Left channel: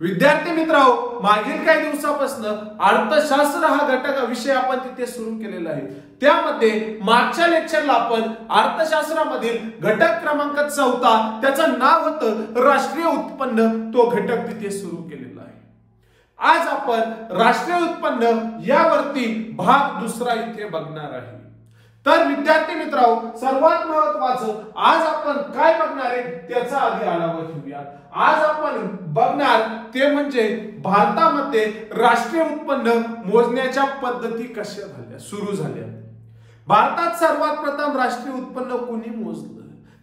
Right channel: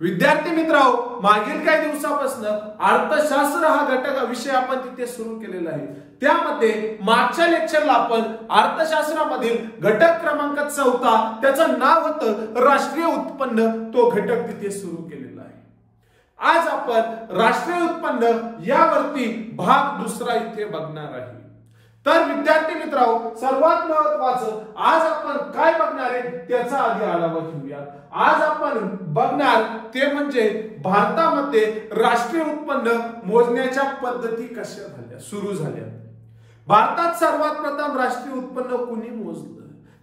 विद्यार्थी मित्रांनो, मागील काही दिवसापासून अर्थशास्त्र हा घटक विषय आपण तिथे सुरू केलेला आहे। त्यामध्ये मागच्या लेक्चरला आपण अर्थशास्त्रामधील घटक क्रमांक 14 त्याचं नाव होतं राष्ट्रीय उत्पन्न, तो घटक तिथे सुरू केलेला आहे। आज आपण राष्ट्रीय उत्पन्न यावरती भाग दुसरा इथे बघणार आहे। तर विद्यार्थी मित्रांनो, सर्वात महत्त्वाचं आज आपण काय बघणार आहे त्याचा आधी आढावा घेऊया। आज आपण बघणार ते म्हणजे भारतामध्ये राष्ट्रीय उत्पन्न मोजण्याच्या पद्धती कशा झाल्या, सुरू झाल्या। भारतात सर्वात प्रथम राष्ट्रीय उत्पन्न कोणी मोजलं,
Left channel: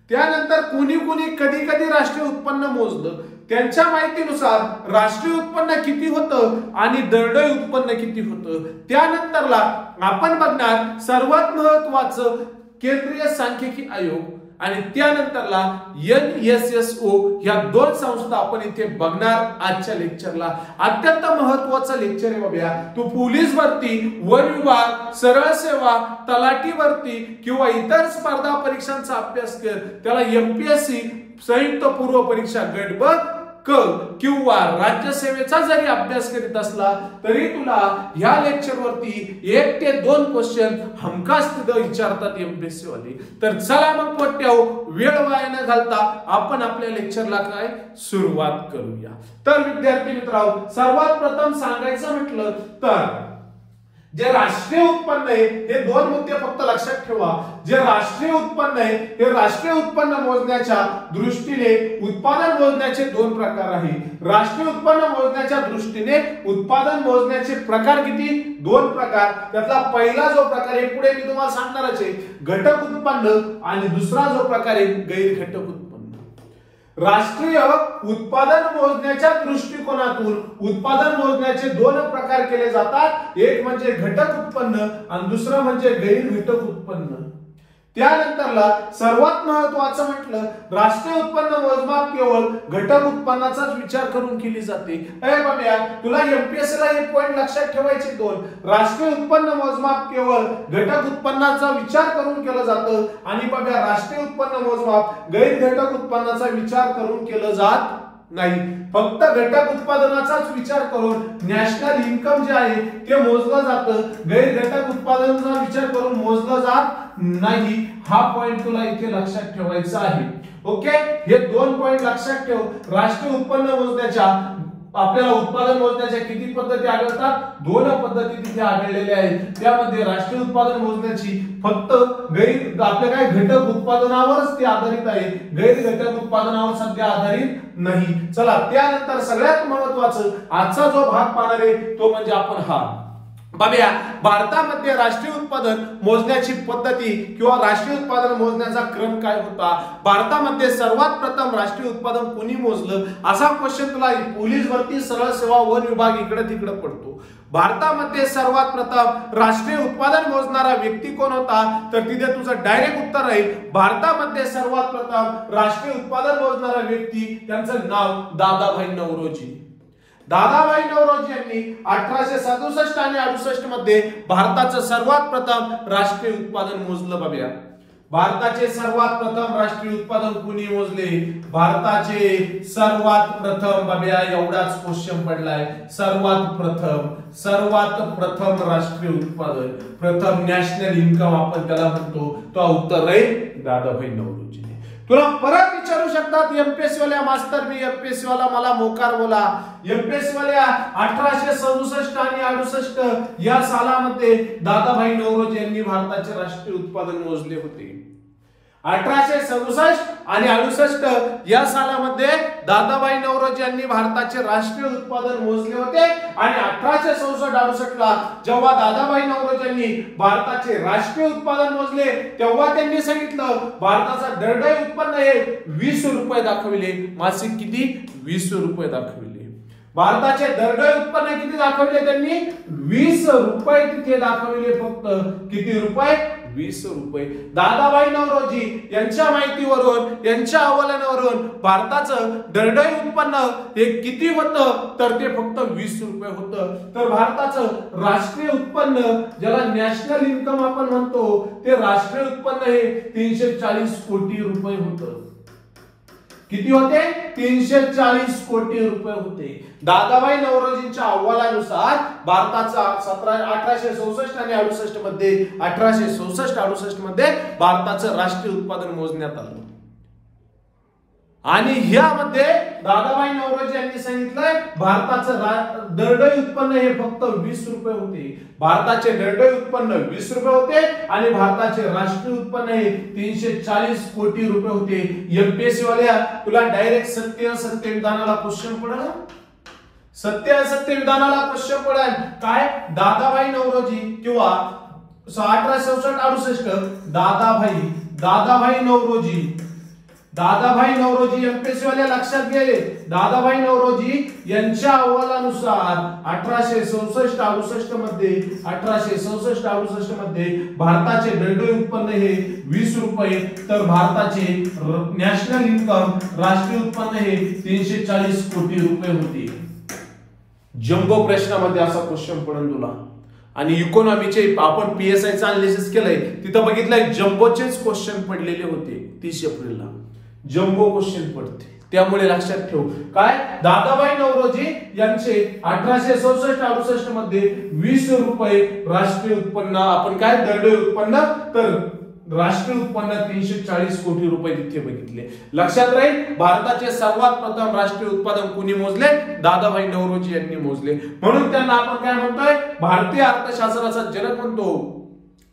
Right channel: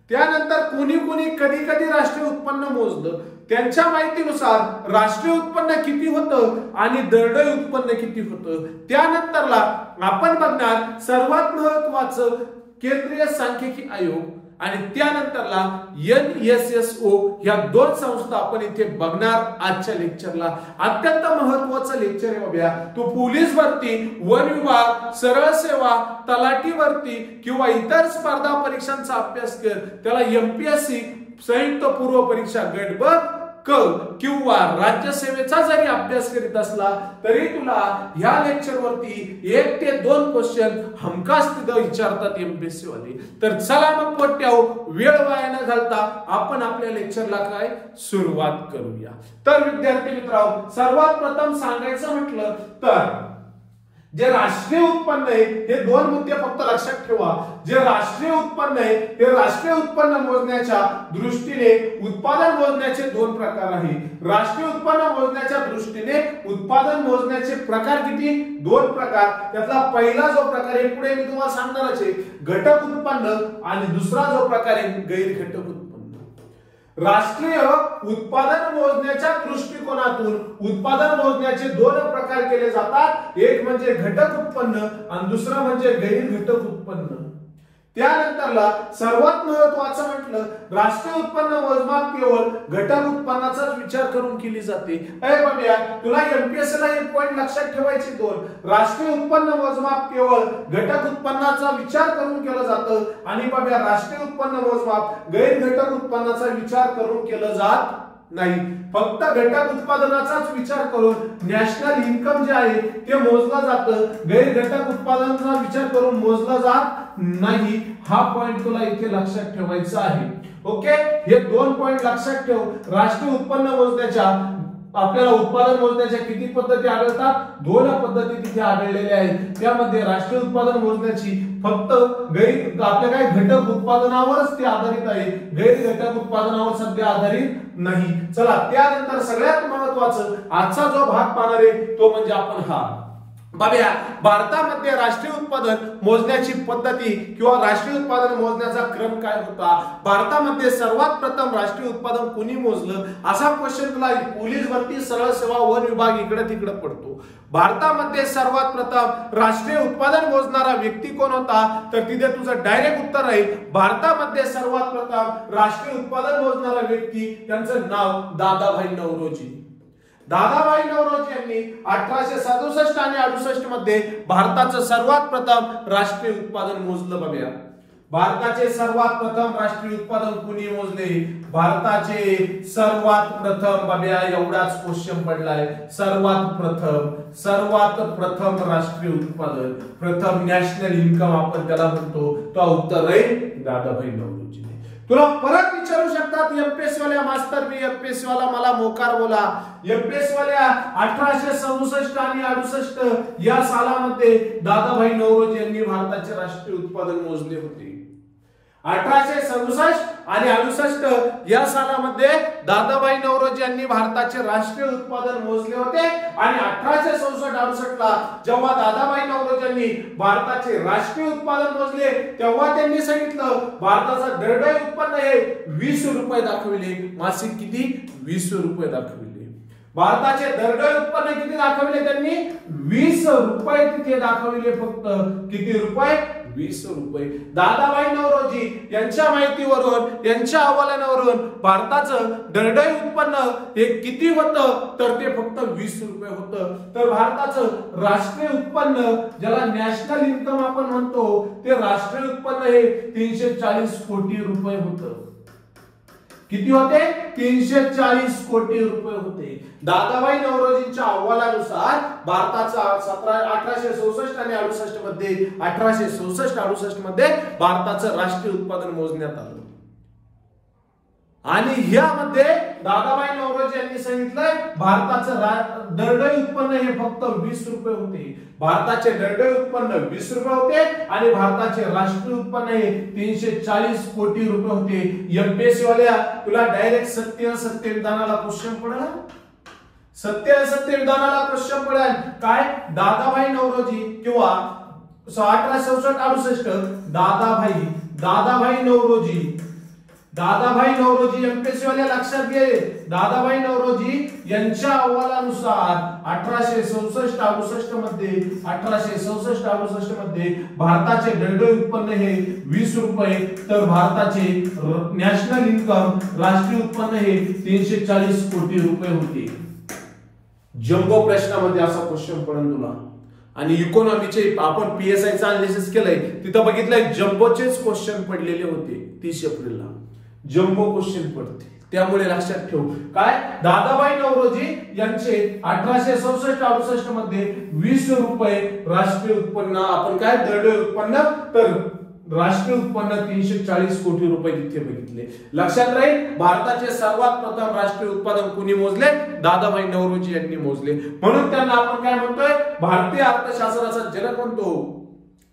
त्यानंतर कोणी कधी कधी राष्ट्रीय उत्पन्न मोजलं, त्यांच्या माहितीनुसार राष्ट्रीय उत्पन्न किती होतं आणि दरडोई उत्पन्न किती होतं। त्यानंतरला आपण बघणार सर्वात महत्त्वाचं केंद्रीय सांख्यिकी आयोग आणि त्यानंतरला NSSO या दोन संस्था आपण इथे बघणार आजच्या लेक्चरला। अत्यंत महत्त्वाचं लेक्चर आहे बाबा। तू पोलीस भरती, वन विभाग, सरळ सेवा, तलाठी भरती किंवा इतर स्पर्धा परीक्षांचा अभ्यास कर, त्याला MPSC संयुक्त पूर्व परीक्षा गट ब क किंवा राज्यसेवेचा जरी अभ्यास करीत असला तरी तुला ह्या लेक्चर वरती 1 ते 2 क्वेश्चन हमखास तिथं विचारतात MPSC वाले। तर चला मग पोट्याओ, वेळ वाया न घालता आपण आपल्या लेक्चरला काय सुरुवात करूया। तर विद्यार्थी मित्रांनो, सर्वात प्रथम सांगायचं म्हटलं तर जे राष्ट्रीय उत्पन्न आहे हे दोन मुद्दे फक्त लक्षात ठेवा। जे राष्ट्रीय उत्पन्न आहे हे राष्ट्रीय उत्पन्न मोजण्याच्या दृष्टीने उत्पादन मोजण्याचे दोन प्रकार आहेत। राष्ट्रीय उत्पन्न मोजण्याच्या दृष्टीने उत्पादन मोजण्याचे प्रकार किती? दोन प्रकार। त्यातला पहिला जो प्रकार आहे पुढे मी तुम्हाला सांगणारच आहे, घटक उत्पन्न, आणि दुसरा जो प्रकार आहे गैर घटक उत्पन्न। राष्ट्रीय उत्पादन मोजण्याच्या दृष्टिकोनातून उत्पादन मोजण्याचे दोन प्रकार केले जातात, एक म्हणजे घटक उत्पन्न आणि दुसरं म्हणजे गैर घटक उत्पन्न। त्यानंतरला सर्वात महत्त्वाचं म्हटलं, राष्ट्रीय उत्पन्न मोजमाप केवळ घटक उत्पन्नाचाच विचार करून केली जाते। अरे बाबा, तुला MPSC ला हे पॉइंट लक्षात ठेवायचे दोन। राष्ट्रीय उत्पन्न मोजमाप केवळ घटक उत्पन्नाचा विचार करून केलं जातं आणि बाबा राष्ट्रीय उत्पन्न मोजमाप गैर घटक उत्पन्नाचा विचार करून केलं जात नाही। फक्त घटक उत्पादनाचाच विचार करून नॅशनल इन्कम जे आहे ते मोजलं जातं, गैर घटक उत्पादनाचा विचार करून मोजलं जात नाही। हा पॉइंट तुला इथे लक्षात ठेवायचा आहे। ओके, हे दोन पॉइंट लक्षात ठेव। राष्ट्रीय उत्पन्न मोजण्याच्या आपल्याला उत्पादन मोजण्याच्या किती पद्धती आढळतात? दोन पद्धती तिथे आढळलेल्या आहेत। त्यामध्ये राष्ट्रीय उत्पादन मोजण्याची फक्त आपल्या काय घटक उत्पादनावरच ते आधारित आहे, गैर घटक उत्पादनावर सध्या आधारित नाही। चला, त्यानंतर सगळ्यात महत्त्वाचं आजचा जो भाग पाहणार आहे तो म्हणजे आपण हा बघूया, भारतामध्ये राष्ट्रीय उत्पादन मोजण्याची पद्धती किंवा राष्ट्रीय उत्पादन मोजण्याचा क्रम काय होता। भारतामध्ये सर्वात प्रथम राष्ट्रीय उत्पादन कोणी मोजलं, असा क्वेश्चन तुला पोलीस भरती, सरळ सेवा, वन विभाग इकडे तिकडे पडतो। भारतामध्ये सर्वात प्रथम राष्ट्रीय उत्पादन मोजणारा व्यक्ती कोण होता, तर तिथे तुझं डायरेक्ट उत्तर आहे भारतामध्ये सर्वात प्रथम राष्ट्रीय उत्पादन मोजणारा व्यक्ती, त्यांचं नाव दादाभाई नौरोजी। दादाभाई नौरोजी यांनी 1867 आणि 68 मध्ये भारताचं सर्वात प्रथम राष्ट्रीय उत्पादन मोजलं बघूया। भारताचे सर्वात प्रथम राष्ट्रीय उत्पादन कुणी मोजले? भारताचे सर्वात प्रथम बघूया, एवढाच क्वेश्चन पडलाय। सर्वात प्रथम राष्ट्रीय उत्पादन, प्रथम नॅशनल इन्कम आपण त्याला म्हणतो, तो उत्तर आहे दादाभाई नौरोजी। तुला परत विचारू शकतात MPSC वाल्या, मास्तर मी MPSC वाला, मला मोकार बोला। MPSC वाल्या 1867 आणि 68 या सालामध्ये दादाभाई नौरोजी यांनी भारताचे राष्ट्रीय उत्पादन मोजले होते। 1867 आणि 68 या सालामध्ये दादाभाई नौरोजी यांनी भारताचे राष्ट्रीय उत्पादन मोजले होते आणि 1867-68 ला जेव्हा दादाभाई नौरोजी यांनी भारताचे राष्ट्रीय उत्पादन मोजले तेव्हा त्यांनी सांगितलं भारताचा दरडोई उत्पन्न हे 20 रुपये दाखविले। मासिक किती? 20 रुपये दाखविले। भारताचे दरडोई उत्पन्न किती दाखविले त्यांनी? 20 रुपये तिथे दाखविले। फक्त किती रुपये? 20 रुपये। दादाभाई नौरोजी यांच्या माहितीवरून, यांच्या अहवालावरून भारताचं दरडोई उत्पन्न हे किती होतं, तर ते फक्त 20 रुपये होतं। तर भारताचं राष्ट्रीय उत्पन्न, ज्याला नॅशनल इन्कम आपण म्हणतो, ते राष्ट्रीय उत्पन्न हे 340 कोटी रुपये होतं। किती होते? 340 कोटी रुपये होते. दादाभाई नौरोजींच्या अहवालानुसार भारताचा 1864 आणि 68 मध्ये 1864-68 मध्ये भारताचं राष्ट्रीय उत्पादन मोजण्यात आलं. आणि ह्यामध्ये दादाभाई नौरोजी यांनी सांगितलंय भारताचं दरडोई उत्पन्न हे फक्त 20 रुपये होते. भारताचे दरडोई उत्पन्न 20 रुपये होते आणि भारताचे राष्ट्रीय उत्पन्न हे 340 कोटी रुपये होते. एमपीएससी वाल्या तुला डायरेक्ट सत्य विधानाला क्वेश्चन पडेल. सत्य विधानाला क्वेश्चन पडेल काय? दादाभाई नौरोजी किंवा 1864-68 दादाभाई नौरोजी एमपीएससी वाले लक्षात घे. दादाभाई नौरोजी यांच्या अहवालानुसार 1864-68 मध्ये भारताचे दरडोई उत्पन्न हे 20 रुपये तर भारताचे नॅशनल इन्कम राष्ट्रीय उत्पन्न हे 340 कोटी रुपये होते. जम्बो प्रश्नामध्ये असा क्वेश्चन पडेल तुला. आणि इकॉनॉमीचे आपण पीएसआयचं अनालिसिस केलंय तिथं बघितलंय जम्बोचेच क्वेश्चन पडलेले होते. 30 एप्रिलला जम्बो क्वेश्चन पडते. त्यामुळे लक्षात ठेव काय? दादाभाई नौरोजी यांचे 1864-68 मध्ये 20 रुपये राष्ट्रीय उत्पन्न आपण काय दरडोई उत्पन्न तर राष्ट्रीय उत्पन्न 340 कोटी रुपये तिथे बघितले. लक्षात राहील भारताचे सर्वात प्रथम राष्ट्रीय उत्पादन कोणी मोजले? दादाभाई नौरोजी यांनी मोजले. म्हणून त्यांना आपण काय म्हणतोय? भारतीय अर्थशास्त्राचा जनक म्हणतो.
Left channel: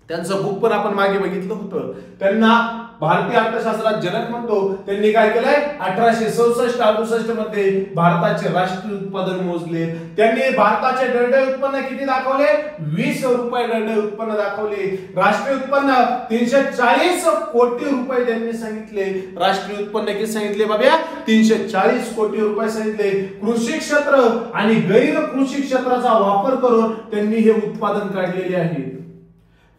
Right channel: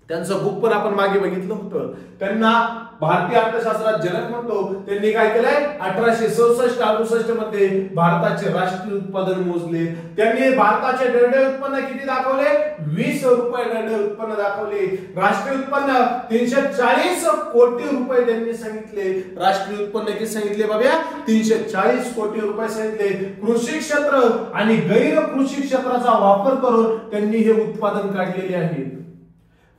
त्यांचं बुक पण आपण मागे बघितलं होतं. त्यांना भारतीय अर्थशास्त्रात जनक म्हणतो. त्यांनी काय केलंय? 1864-68 मध्ये भारताचे राष्ट्रीय उत्पादन मोजले. त्यांनी भारताचे दरडोई उत्पन्न किती दाखवले? 20 रुपये दरडोई उत्पन्न दाखवले. राष्ट्रीय उत्पन्न 340 कोटी रुपये त्यांनी सांगितले. राष्ट्रीय उत्पन्न किती सांगितले बाबा? 340 कोटी रुपये सांगितले. कृषी क्षेत्र आणि गैर कृषी क्षेत्राचा वापर करून त्यांनी हे उत्पादन काढलेले आहे.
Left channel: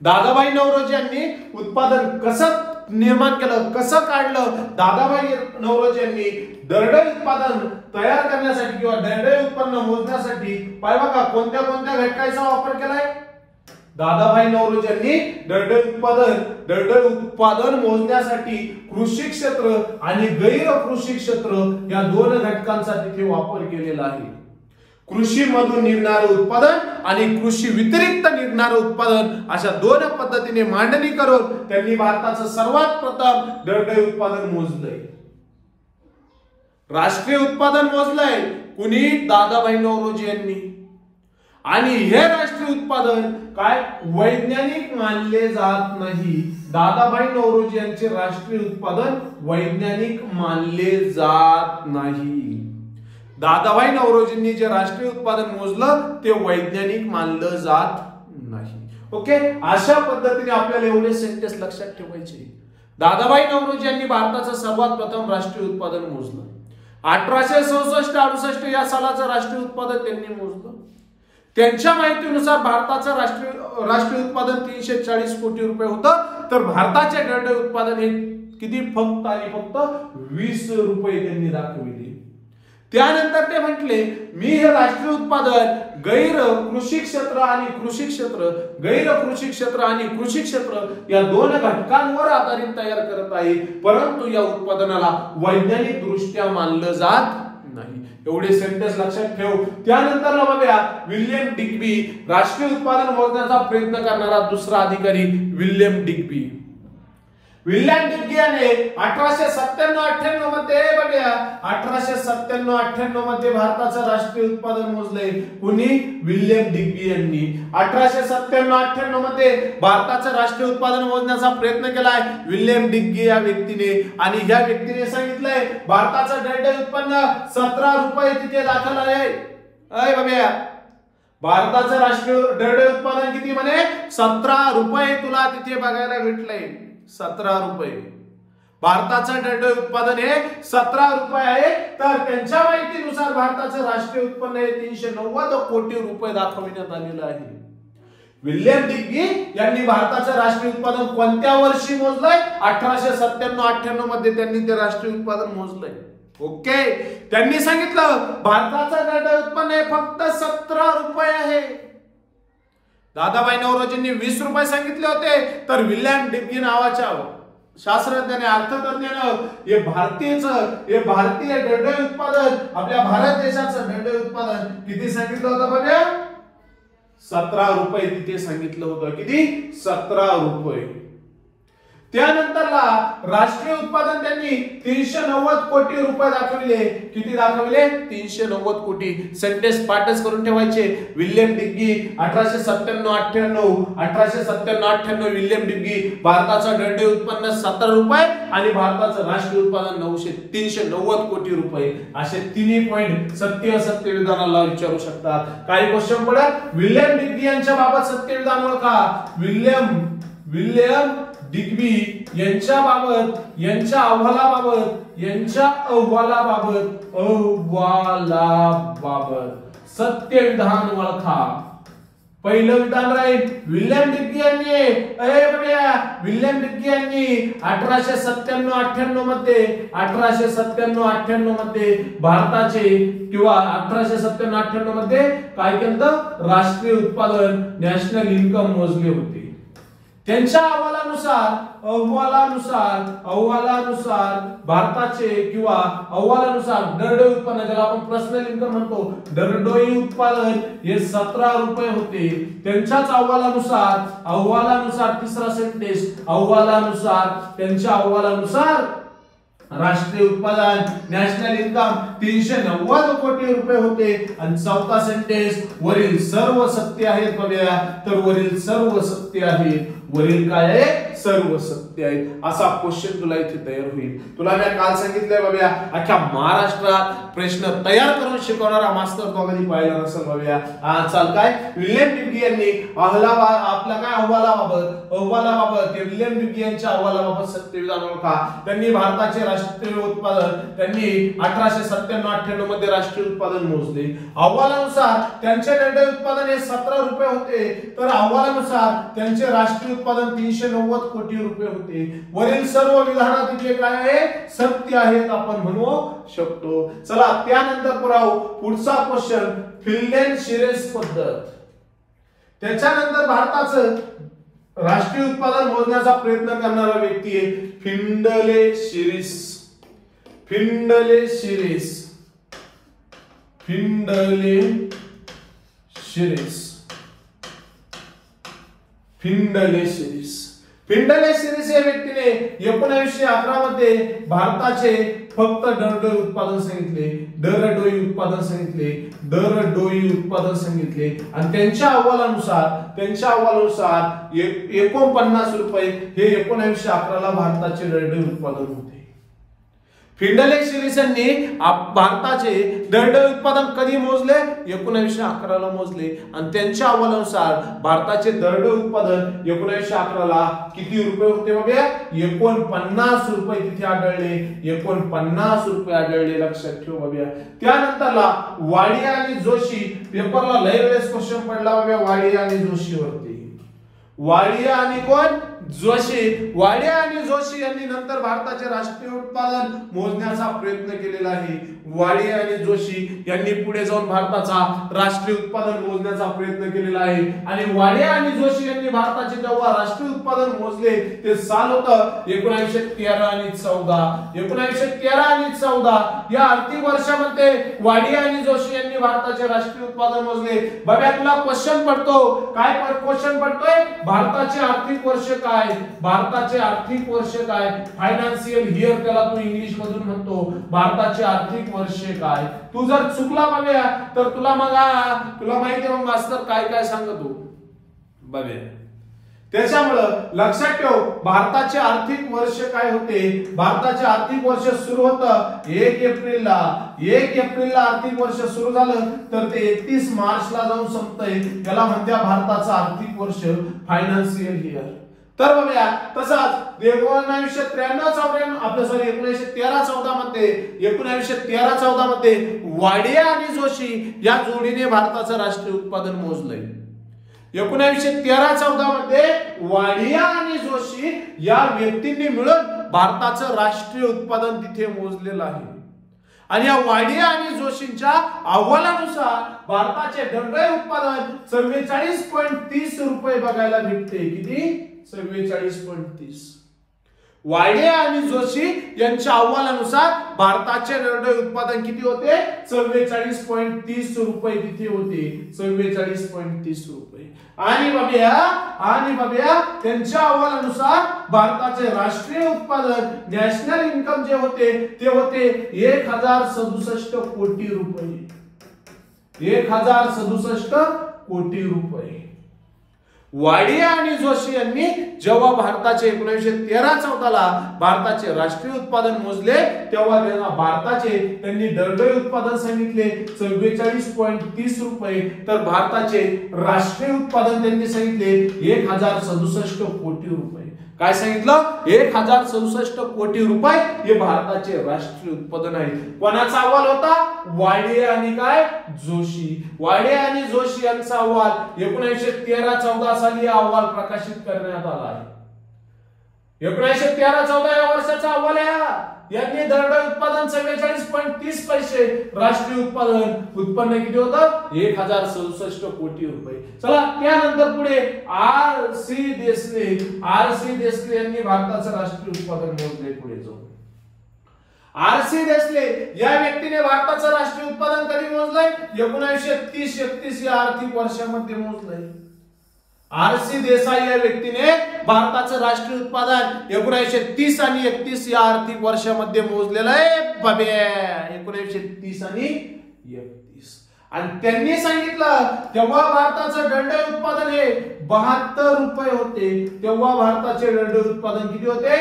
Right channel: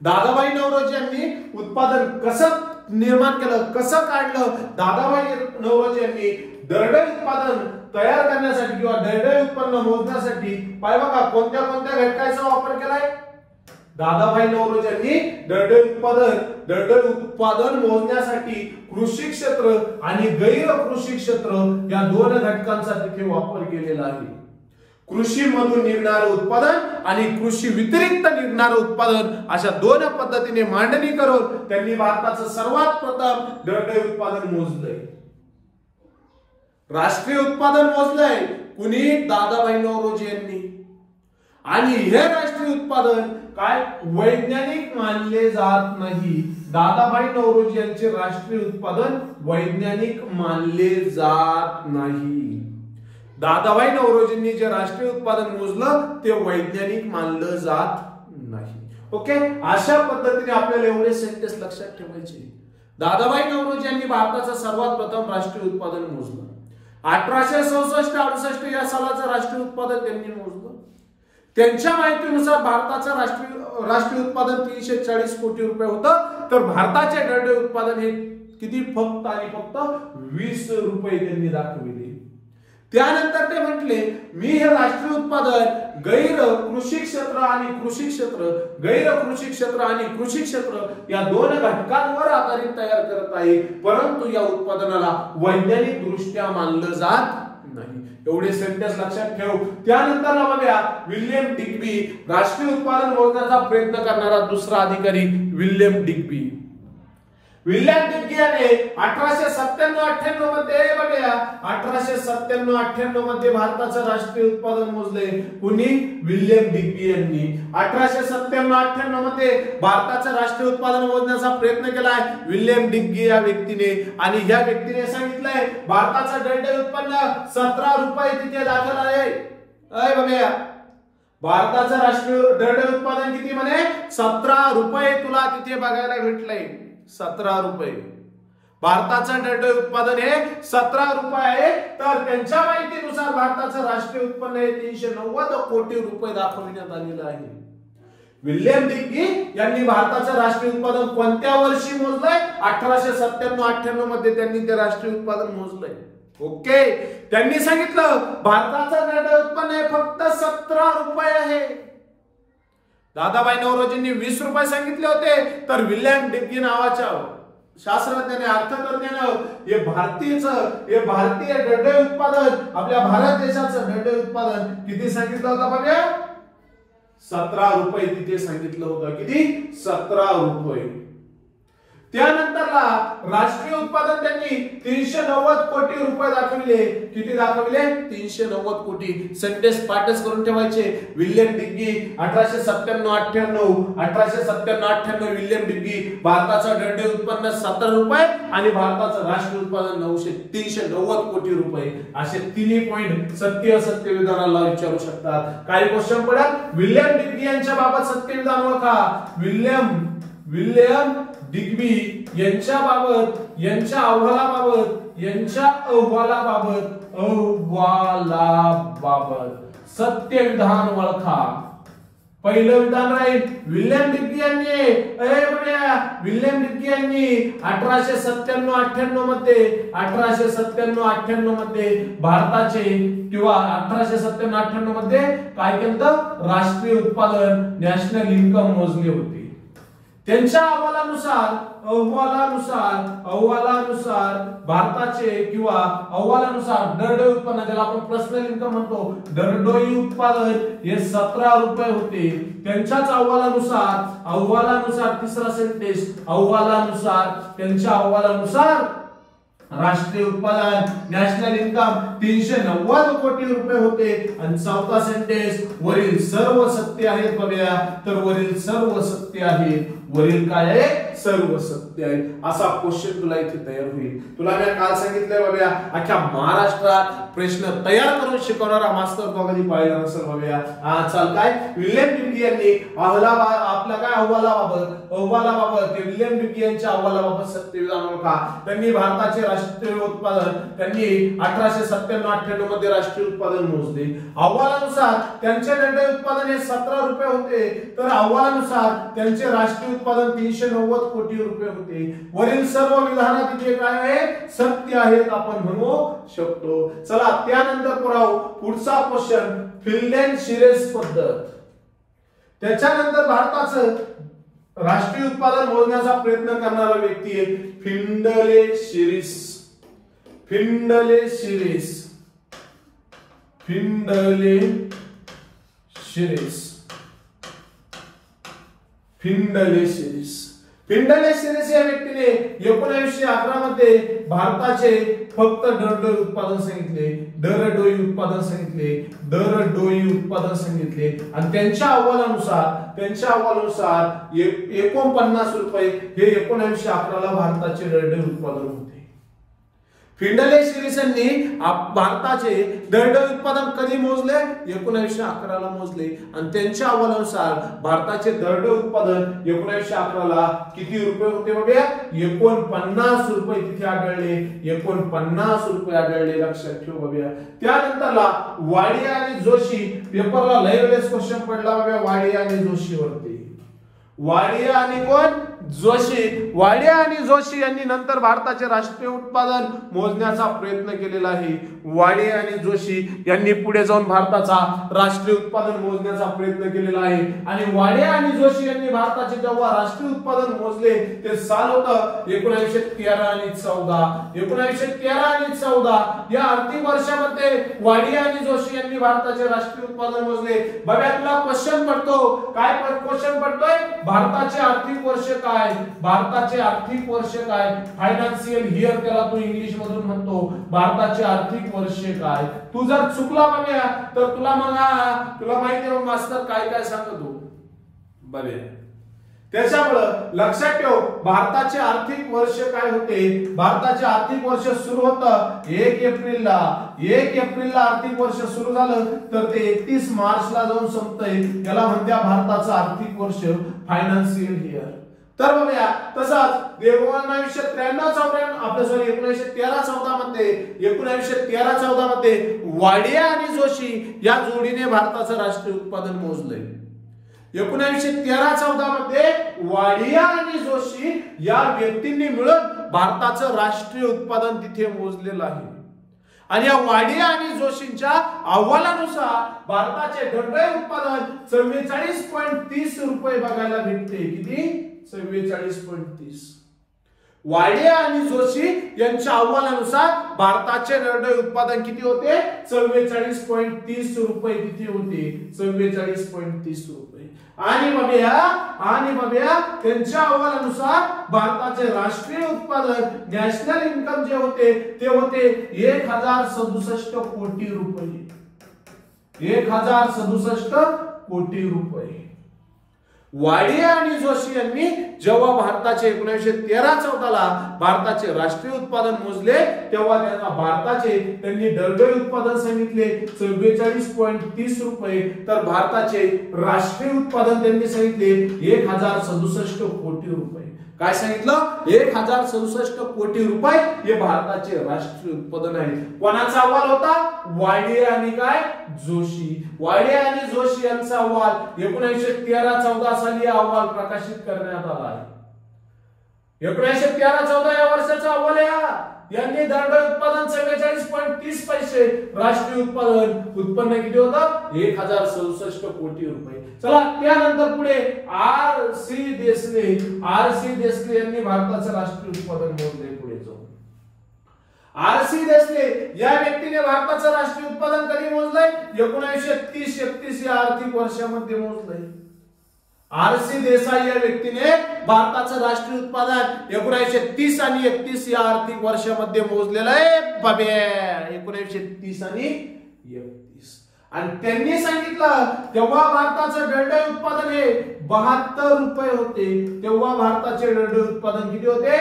दादाभाई नौरोजी यांनी उत्पादन कसं निर्माण केलं, कसं काढलं? दादाभाई नौरोजी यांनी दरडोई उत्पादन तयार करण्यासाठी किंवा दरडोई उत्पन्न मोजण्यासाठी पाय बघा कोणत्या घटकांचा वापर केलाय? दादाभाई नौरोजी यांनी दरडोई उत्पादन मोजण्यासाठी कृषी क्षेत्र आणि गैर कृषी क्षेत्र या दोन घटकांचा तिथे वापर केलेला आहे. कृषी मधून निघणारं उत्पादन आणि कृषी व्यतिरिक्त निघणारं उत्पादन अशा दोन पद्धतीने मांडणी करून त्यांनी भारताचं सर्वात प्रथम दरडोई उत्पादन मोजलंय. राष्ट्रीय उत्पादन मोजलंय कुणी? दादाभाई नौरोजी यांनी. आणि हे राष्ट्रीय उत्पादन काय वैज्ञानिक मानले जात नाही. दादाभाई नौरोजी यांचे राष्ट्रीय उत्पादन वैज्ञानिक मानले जात नाही. दादाभाई नौरोजींनी जे राष्ट्रीय उत्पादन मोजलं ते वैज्ञानिक मानलं जात नाही. ओके, अशा पद्धतीने आपल्याला एवढे सेंटेन्स लक्षात ठेवायचे. दादाभाई नौरोजी यांनी भारताचं सर्वात प्रथम राष्ट्रीय उत्पादन मोजलं. 1864-68 या सालाचं राष्ट्रीय उत्पादन त्यांनी मोजलं. त्यांच्या माहितीनुसार भारताचं राष्ट्रीय उत्पादन 340 कोटी रुपये होतं तर भारताचे दरडोई उत्पादन हे किती? फक्त आणि फक्त 20 रुपये त्यांनी दाखविले. त्यानंतर ते म्हटले मी हे राष्ट्रीय उत्पादन गैर कृषी क्षेत्र आणि कृषी क्षेत्र या दोन घटकांवर आधारित तयार करत आहे परंतु या उत्पादनाला वैज्ञानिक दृष्ट्या मानलं जात नाही. एवढे सेंटेन्स लक्षात ठेव. त्यानंतर बघूया विल्यम डिग्बी राष्ट्रीय उत्पादन मोजण्याचा प्रयत्न करणारा दुसरा अधिकारी विल्यम डिग्बी. विल्यम डिग्बी याने 1897-98 मध्ये बघूया 1897-98 मध्ये भारताचं राष्ट्रीय उत्पादन मोजले. कुणी? विल्यम डिग्बी यांनी 1897-98 मध्ये भारताचं राष्ट्रीय उत्पादन मोजण्याचा प्रयत्न केलाय विल्यम डिग्बी या व्यक्तीने. आणि ह्या व्यक्तीने सांगितलंय भारताचं दरडोई उत्पन्न 17 रुपये तिथे दाखल आहे. अय बघूया भारताचं राष्ट्रीय दरडोई उत्पादन किती म्हणे? 17 रुपये तुला तिथे बघायला भेटलंय. 17 रुपये भारताचं दरडोई उत्पादन हे 17 रुपये आहे. तर त्यांच्या माहितीनुसार भारताचं राष्ट्रीय उत्पन्न हे 390 कोटी रुपये दाखविण्यात आलेलं आहे. विल्यम डिग्बी यांनी भारताचं राष्ट्रीय उत्पादन कोणत्या वर्षी मोजलंय? 1897-98 मध्ये त्यांनी ते राष्ट्रीय उत्पादन मोजलंय. ओके, त्यांनी सांगितलं भारताचं दरडोई उत्पन्न हे फक्त 17 रुपये आहे. दादाभाई नौरोजींनी 20 रुपये सांगितले होते तर विल्यम डिग्बी नावाच्या शास्त्रज्ञाने अर्थतज्ञाने हे भारतीय दंडोई उत्पादन आपल्या भारत देशाचं दंडोई उत्पादन किती सांगितलं होतं बघा 17 रुपये तिथे सांगितलं होतं किती 17 रुपये त्यानंतरला राष्ट्रीय उत्पादन त्यांनी 390 कोटी रुपये दाखविले किती दाखविले 390 कोटी सेंटेन्स पाठच करून ठेवायचे विल्यम डिग्गी 1897-98 विल्यम डिग्गी भारताचा दंडोई उत्पन्न 17 रुपये आणि भारताचं राष्ट्रीय उत्पादन 390 कोटी रुपये असे तिन्ही पॉइंट सत्य असत्य विधानाला विचारू शकतात काही क्वेश्चन पडत विल्यम डिग्गी यांच्या बाबत सत्य विधान ओळखा विल्यम डिग्बी यांच्या अहवालाबाबत सत्य विधान ओळखा पहिलं विधान राहील विल्यम डिग्गी यांनी 1897-98 मध्ये भारताचे किंवा 1897-98 मध्ये काय केलं राष्ट्रीय उत्पादन नॅशनल इन्कम मोजले होते त्यांच्या अहवालानुसार भारताचे किंवा अहवालानुसार दरडोई उत्पन्न ज्याला आपण पर्सनल इन्कम म्हणतो दरडोई उत्पादन हे 17 रुपये होते त्यांच्याच अहवालानुसार तिसरा सेंटेन्स त्यांच्या अहवालानुसार राष्ट्रीय उत्पादन नॅशनल इन्कम 390 कोटी रुपये होते आणि चौथा सेंटेन्स वरील सर्व सत्य आहेत बघूया तर वरील सर्व सत्य आहेत वरील काय आहे सर्व सत्य आहेत असा क्वेश्चन तुला इथे तयार होईल तुला मी काल सांगितलंय बाबा अख्ख्या महाराष्ट्रात प्रश्न तयार करून शिकवणारा मास्तर तो कधी पाहिला नसेल बाबा चाल काय विल्यम डिग्गी यांनी आपल्या काय अहवालाबाबत विल्यम डिग्गी यांच्या अहवालाबाबत सत्य विधान ओळखा त्यांनी भारताचे राष्ट्रीय उत्पादन त्यांनी 1897-98 मध्ये राष्ट्रीय उत्पादन मोजले अहवालानुसार त्यांचे दंडोई उत्पादन हे 17 रुपये होते तर अहवालानुसार त्यांचे राष्ट्रीय उत्पादन 390 कोटी रुपये होते वरील सर्व विधानात जे काय आहे सत्य आहेत आपण म्हणू शकतो चला त्यानंतर पुढचा क्वेश्चन फिनलँड शिरेस पद्धत त्याच्यानंतर भारताचं राष्ट्रीय उत्पादन मोजण्याचा प्रयत्न करणारा व्यक्ती आहे फिंडले शिरीस या व्यक्तीने 1911 मध्ये भारताचे फक्त दरडोई उत्पादन सांगितले आणि त्यांच्या अहवालानुसार 49 रुपये हे 1911 ला भारताचे दरडोई उत्पादन होते फिंडले शिरीस यांनी भारताचे दरडोई उत्पादन कधी मोजले 1911 ला मोजले आणि त्यांच्या अहवालानुसार भारताचे दरडोई उत्पादन 1911 ला किती रुपये होते बघा 49 रुपये तिथे आढळले 49 रुपये आढळले लक्षात ठेव बघा त्यानंतरला वाडिया आणि जोशी पेपरला लय वेळेस क्वेश्चन पडला बघा वाडिया आणि जोशी वरती वाडिया आणि जोशी यांनी नंतर भारताचे राष्ट्रीय उत्पादन मोजण्याचा प्रयत्न केलेला आहे वाडिया आणि जोशी यांनी पुढे जाऊन भारताचा राष्ट्रीय उत्पादन मोजण्याचा प्रयत्न केलेला आहे आणि वाडिया आणि जोशी यांनी भारताचे जेव्हा राष्ट्रीय उत्पादन मोजले ते साल होतं 1913 आणि 14 या आर्थिक वर्षामध्ये वाडिया आणि जोशी यांनी भारताचे राष्ट्रीय उत्पादन मोजले बघा तुला क्वेश्चन पडतो काय क्वेश्चन पडतोय भारताचे आर्थिक वर्ष काय फायनान्शियल इयर त्याला तू इंग्लिश मधून म्हणतो भारताचे आर्थिक वर्ष काय तू जर चुकला बघूया तर तुला माहिती आहे मग मास्तर काय सांगतो बघूया त्याच्यामुळे लक्षात ठेव भारताचे आर्थिक वर्ष काय होते भारताचे आर्थिक वर्ष सुरू होतं 1 एप्रिलला आर्थिक वर्ष सुरू झालं तर ते 31 मार्चला जाऊन संपतंय त्याला म्हणत्या भारताचं आर्थिक वर्ष फायनान्शियल इयर तर बघूया तसाच 1913-14 मध्ये वाडिया आणि जोशी या जोडीने भारताचं राष्ट्रीय उत्पादन मोजलंय 1913-14 मध्ये वाडिया आणि जोशी या व्यक्तींनी मिळून भारताचं राष्ट्रीय उत्पादन तिथे मोजलेलं आहे आणि या वाडिया आणि जोशींच्या अहवालानुसार भारताचे दरडोई उत्पादन 44.30 रुपये बघायला भेटते किती 44.30 वाडे आणि जोशी यांच्या अहवालानुसार भारताचे दरडोई उत्पादन किती होते? 44.30 रुपये तिथे होते. 44.30 रुपये. आणि बघूया त्यांच्या अहवालानुसार भारताचे राष्ट्रीय उत्पादन नॅशनल इन्कम जे होते ते होते 1067 कोटी रुपये. 1067 कोटी रुपये. वाडे आणि जोशी यांनी जेव्हा भारताचे 1913-14 ला भारताचे राष्ट्रीय उत्पादन मोजले तेव्हा त्यांनी दरडोई उत्पादन सांगितले 44.30 रुपये, तर भारताचे राष्ट्रीय उत्पादन त्यांनी सांगितले 1067 कोटी रुपये. काय सांगितलं? 1067 कोटी रुपये हे भारताचे राष्ट्रीय उत्पादन आहे. कोणाचा अहवाल होता? वाडे आणि जोशी. वाडे आणि जोशी यांचा अहवाल 1913-14 साली अहवाल प्रकाशित करण्यात आला आहे. 1913-14 या वर्षाचा अहवाल आहे. यांनी दरडोई उत्पादन 44.30 पैसे, राष्ट्रीय उत्पन्न किती होतं? 1067 कोटी रुपये. चला त्यानंतर पुढे आर सी देसले यांनी भारताचं राष्ट्रीय उत्पादन मोजले. पुढे जाऊ आर सी देसले या व्यक्तीने भारताचं राष्ट्रीय उत्पादन कधी मोजलंय? 1930-31 या आर्थिक वर्षामध्ये मोजलंय. आर सी देसाई या व्यक्तीने भारताचं राष्ट्रीय उत्पादन 1930 आणि 31 या आर्थिक वर्षामध्ये मोजलेलं आहे. 1930 आणि 31. आणि त्यांनी सांगितलं तेव्हा भारताचं दरडोई उत्पादन हे 72 रुपये होते. तेव्हा भारताचे दरडोई उत्पादन किती होते?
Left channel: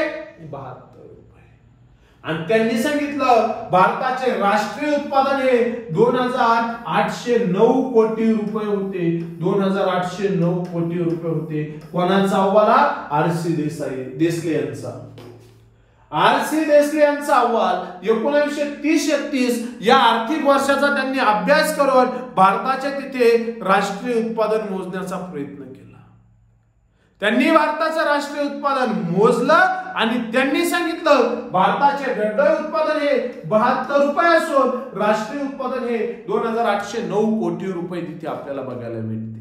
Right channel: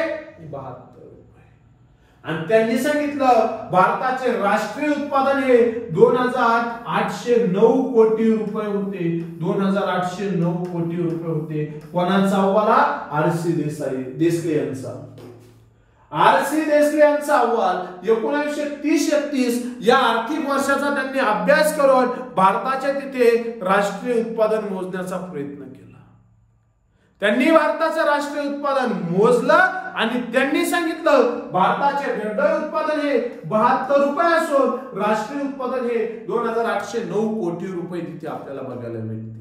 72 रुपये. आणि त्यांनी सांगितलं भारताचे राष्ट्रीय उत्पादन हे 2809 कोटी रुपये होते. 2809 कोटी रुपये होते. कोणाचा अहवाल? आर सी देसले यांचा. आर सी देसले यांचा अहवाल 1930-31 या आर्थिक वर्षाचा त्यांनी अभ्यास करून भारताच्या तिथे राष्ट्रीय उत्पादन मोजण्याचा प्रयत्न केला. त्यांनी भारताचं राष्ट्रीय उत्पादन मोजलं आणि त्यांनी सांगितलं भारताचे दरडोई उत्पादन हे 72 रुपये असून राष्ट्रीय उत्पादन हे 2809 कोटी रुपये तिथे आपल्याला बघायला मिळते.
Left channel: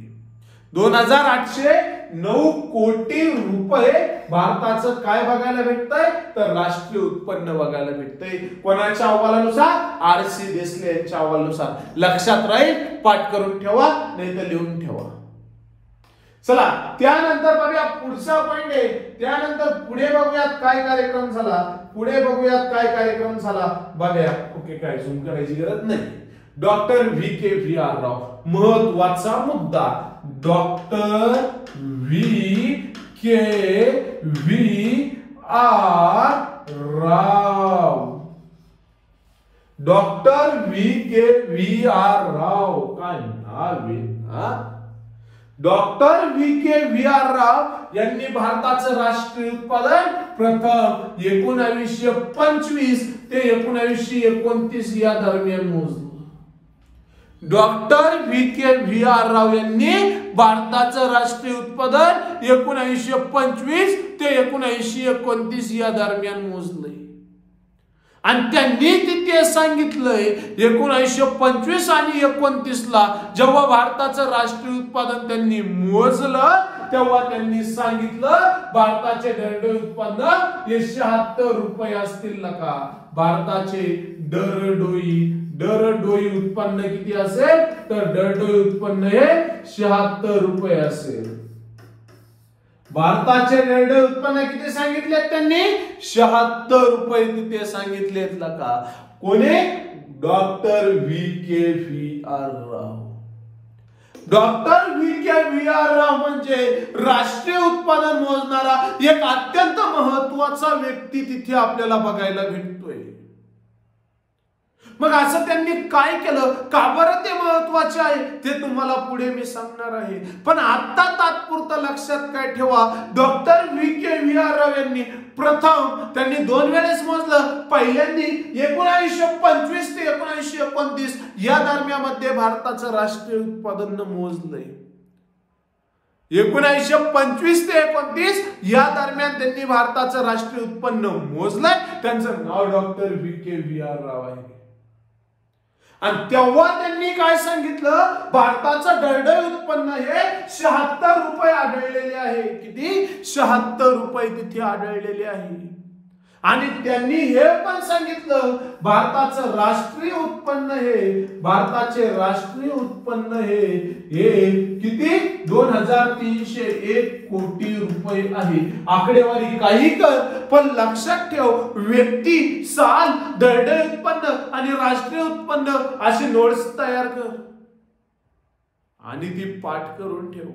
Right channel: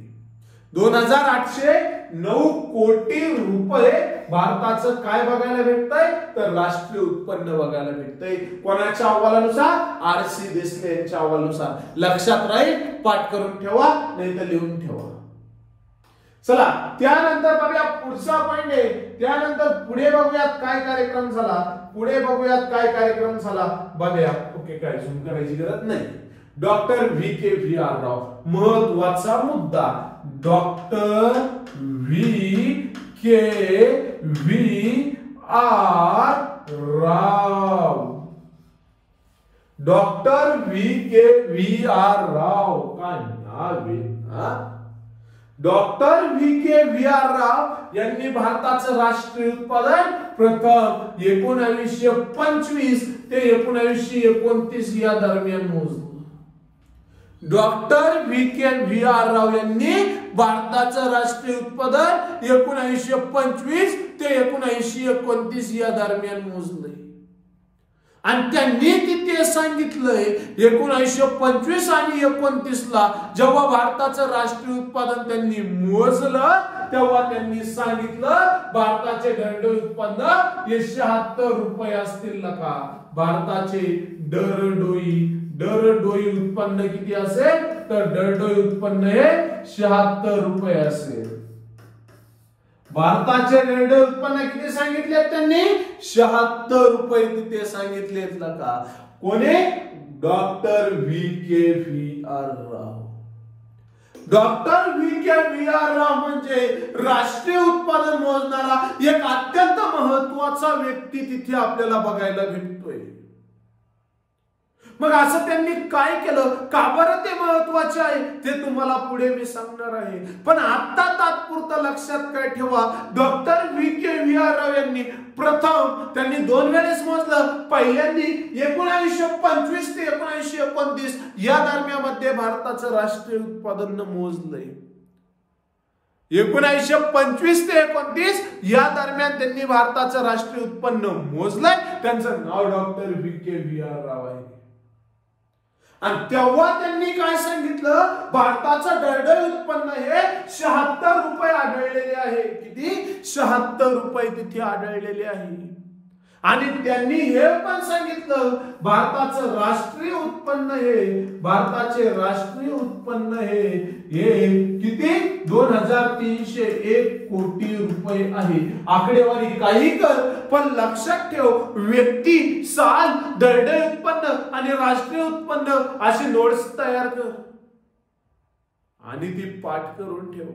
2809 कोटी रुपये भारताचं काय बघायला भेटतंय? तर राष्ट्रीय उत्पन्न बघायला भेटतंय. कोणाच्या अहवालानुसार? आर सी देसले यांच्या अहवालानुसार. लक्षात राहील, पाठ करून ठेवा नाही तर लिहून ठेवा. चला त्यानंतर बघूया पुढचा पॉइंट आहे. त्यानंतर पुढे बघूयात काय कार्यक्रम झाला. बघूया. ओके, काय झूम करायची गरज नाही. Doctor V K V R Rao, महत्वाचा मुद्दा. Doctor V K V R Rao. Doctor V K V R Rao काय नाव आहे? Doctor V K V R Rao यांनी भारताचं राष्ट्रीय उत्पादन प्रथम 1925 ते 1929 या दरम्यान मोजलं. Doctor V K V R Rao यांनी भारताचं राष्ट्रीय उत्पादन 1925 ते 1929 या दरम्यान मोजलंय. आणि त्यांनी तिथे सांगितलंय 1925 आणि 29 ला जेव्हा भारताचं राष्ट्रीय उत्पादन त्यांनी मोजलं तेव्हा त्यांनी सांगितलं भारताचे दरडोई उत्पन्न हे 76 रुपये असतील का. भारताचे दरडोई उत्पन्न किती असेल? तर दरडोई उत्पन्न हे 76 रुपये असेल. भारताचे दरडोई उत्पन्न किती सांगितले त्यांनी? 76 रुपये तिथे सांगितलेत का. कोणी? Doctor V K V R Rao. Doctor V K V R Rao म्हणजे राष्ट्रीय उत्पादन मोजणारा एक अत्यंत महत्वाचा व्यक्ती तिथे आपल्याला बघायला भेटतोय. मग असं त्यांनी काय केलं, का बरं ते महत्वाचे आहे ते तुम्हाला पुढे मी सांगणार आहे. पण आता तात्पुरतं लक्षात काय ठेवा, doctor V K V R Rao यांनी प्रथम त्यांनी 2 वेळेस मोजलं. पहिल्यांदी 1925 ते 1929 या दरम्यान भारताचं राष्ट्रीय उत्पादन मोजलंय. 1925 ते 29 या दरम्यान त्यांनी भारताचं राष्ट्रीय उत्पन्न मोजलंय. त्यांचं नाव doctor V K V R Rao आहे. आणि तेव्हा त्यांनी काय सांगितलं, भारताचं दरडोई उत्पन्न हे 76 रुपये आढळलेले आहे. किती? 76 रुपये तिथे आढळलेले आहे. आणि त्यांनी हे पण सांगितलं भारताचे राष्ट्रीय उत्पन्न हे किती 2301 कोटी रुपये आहे। आकडेवारी काही कर पण लक्षात ठेव, व्यक्ती, साल, दरडोई उत्पन्न आणि राष्ट्रीय उत्पन्न असे नोट्स तयार कर आणि ती पाठ करून ठेव।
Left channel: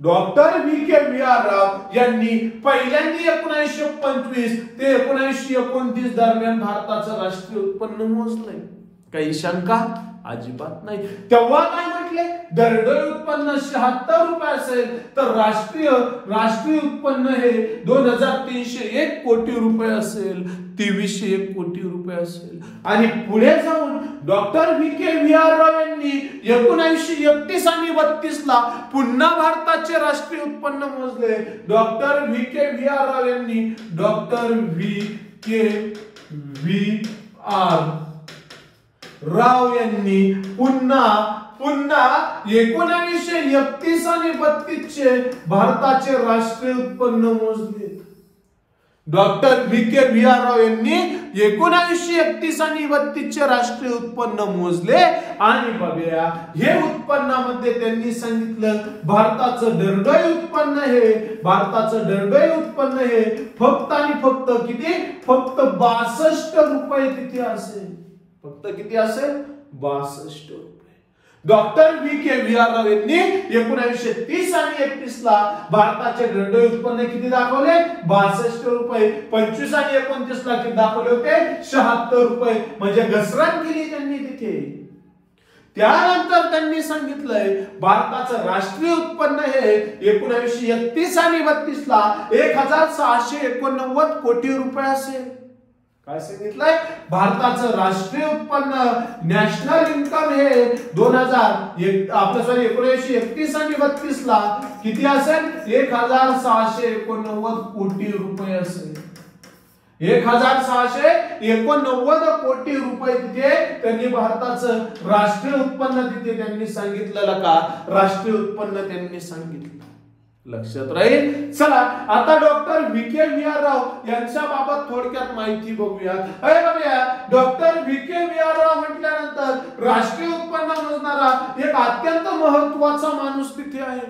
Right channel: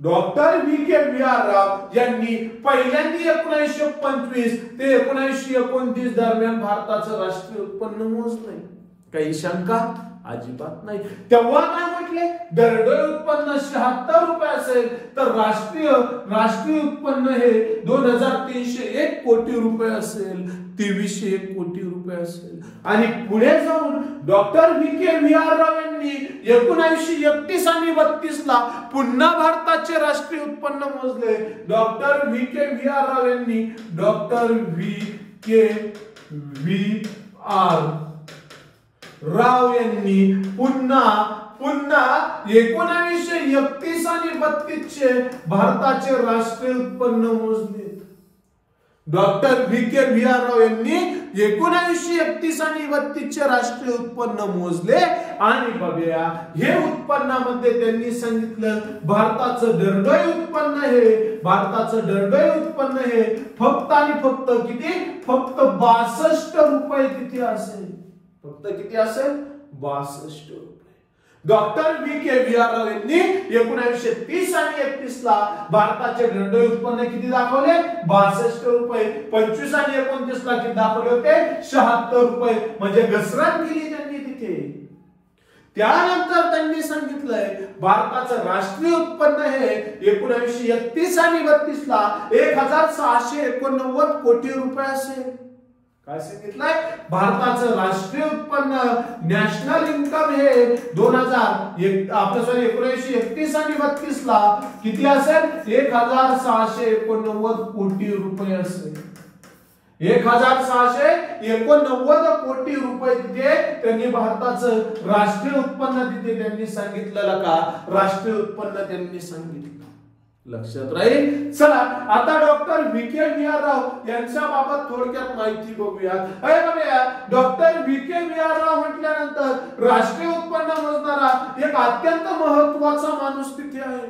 डॉक्टर VK राव यांनी पहिल्यांदा 1925 ते 1929 दरम्यान भारताचं राष्ट्रीय उत्पन्न मोजलंय। काही शंका अजिबात नाही। तेव्हा काय म्हटले, दरडोई उत्पन्न 76 रुपये असेल तर राष्ट्रीय उत्पन्न हे 2301 कोटी रुपये असेल, 2301 कोटी रुपये असेल। आणि पुढे जाऊन डॉक्टर VK राव यांनी 1931 आणि 32 ला पुन्हा भारताचे राष्ट्रीय उत्पन्न मोजले। डॉक्टर VK राव यांनी राव यांनी पुन्हा 1931 आणि 32 चे भारताचे राष्ट्रीय उत्पन्न मोजले। डॉक्टर VK राव यांनी 1931 आणि 32 चे राष्ट्रीय उत्पन्न मोजले आणि बघूया हे उत्पन्नामध्ये त्यांनी सांगितलं भारताचं दरडोई उत्पन्न हे फक्त आणि फक्त किती, फक्त 62 रुपये तिथे असेल। फक्त किती असेल, 62 रुपये। डॉक्टर VK राव यांनी 1930 आणि 31 ला भारताचे दरडोई उत्पन्न किती दाखवले, 62 रुपये। 25 आणि 29 ला किती दाखवले होते, 76 रुपये। म्हणजे घसरण केली त्यांनी तिथे। त्यानंतर त्यांनी सांगितलंय भारताचं राष्ट्रीय उत्पन्न हे 1931 आणि 32 ला 1689 कोटी रुपये असेल। काय सांगितलंय, भारताचं राष्ट्रीय उत्पन्न नॅशनल इन्कम हे 1931 आणि 32 ला किती असेल, 1689 कोटी रुपये असेल। 1689 कोटी रुपये तिथे त्यांनी भारताचं राष्ट्रीय उत्पन्न तिथे त्यांनी सांगितलेलं का, राष्ट्रीय उत्पन्न त्यांनी सांगितलं। लक्षात राहील। चला आता डॉक्टर VK राव यांच्या बाबत थोडक्यात माहिती बघूया। डॉक्टर VK राव म्हटल्यानंतर राष्ट्रीय उत्पन्न मोजणारा एक अत्यंत महत्वाचा माणूस तिथे आहे।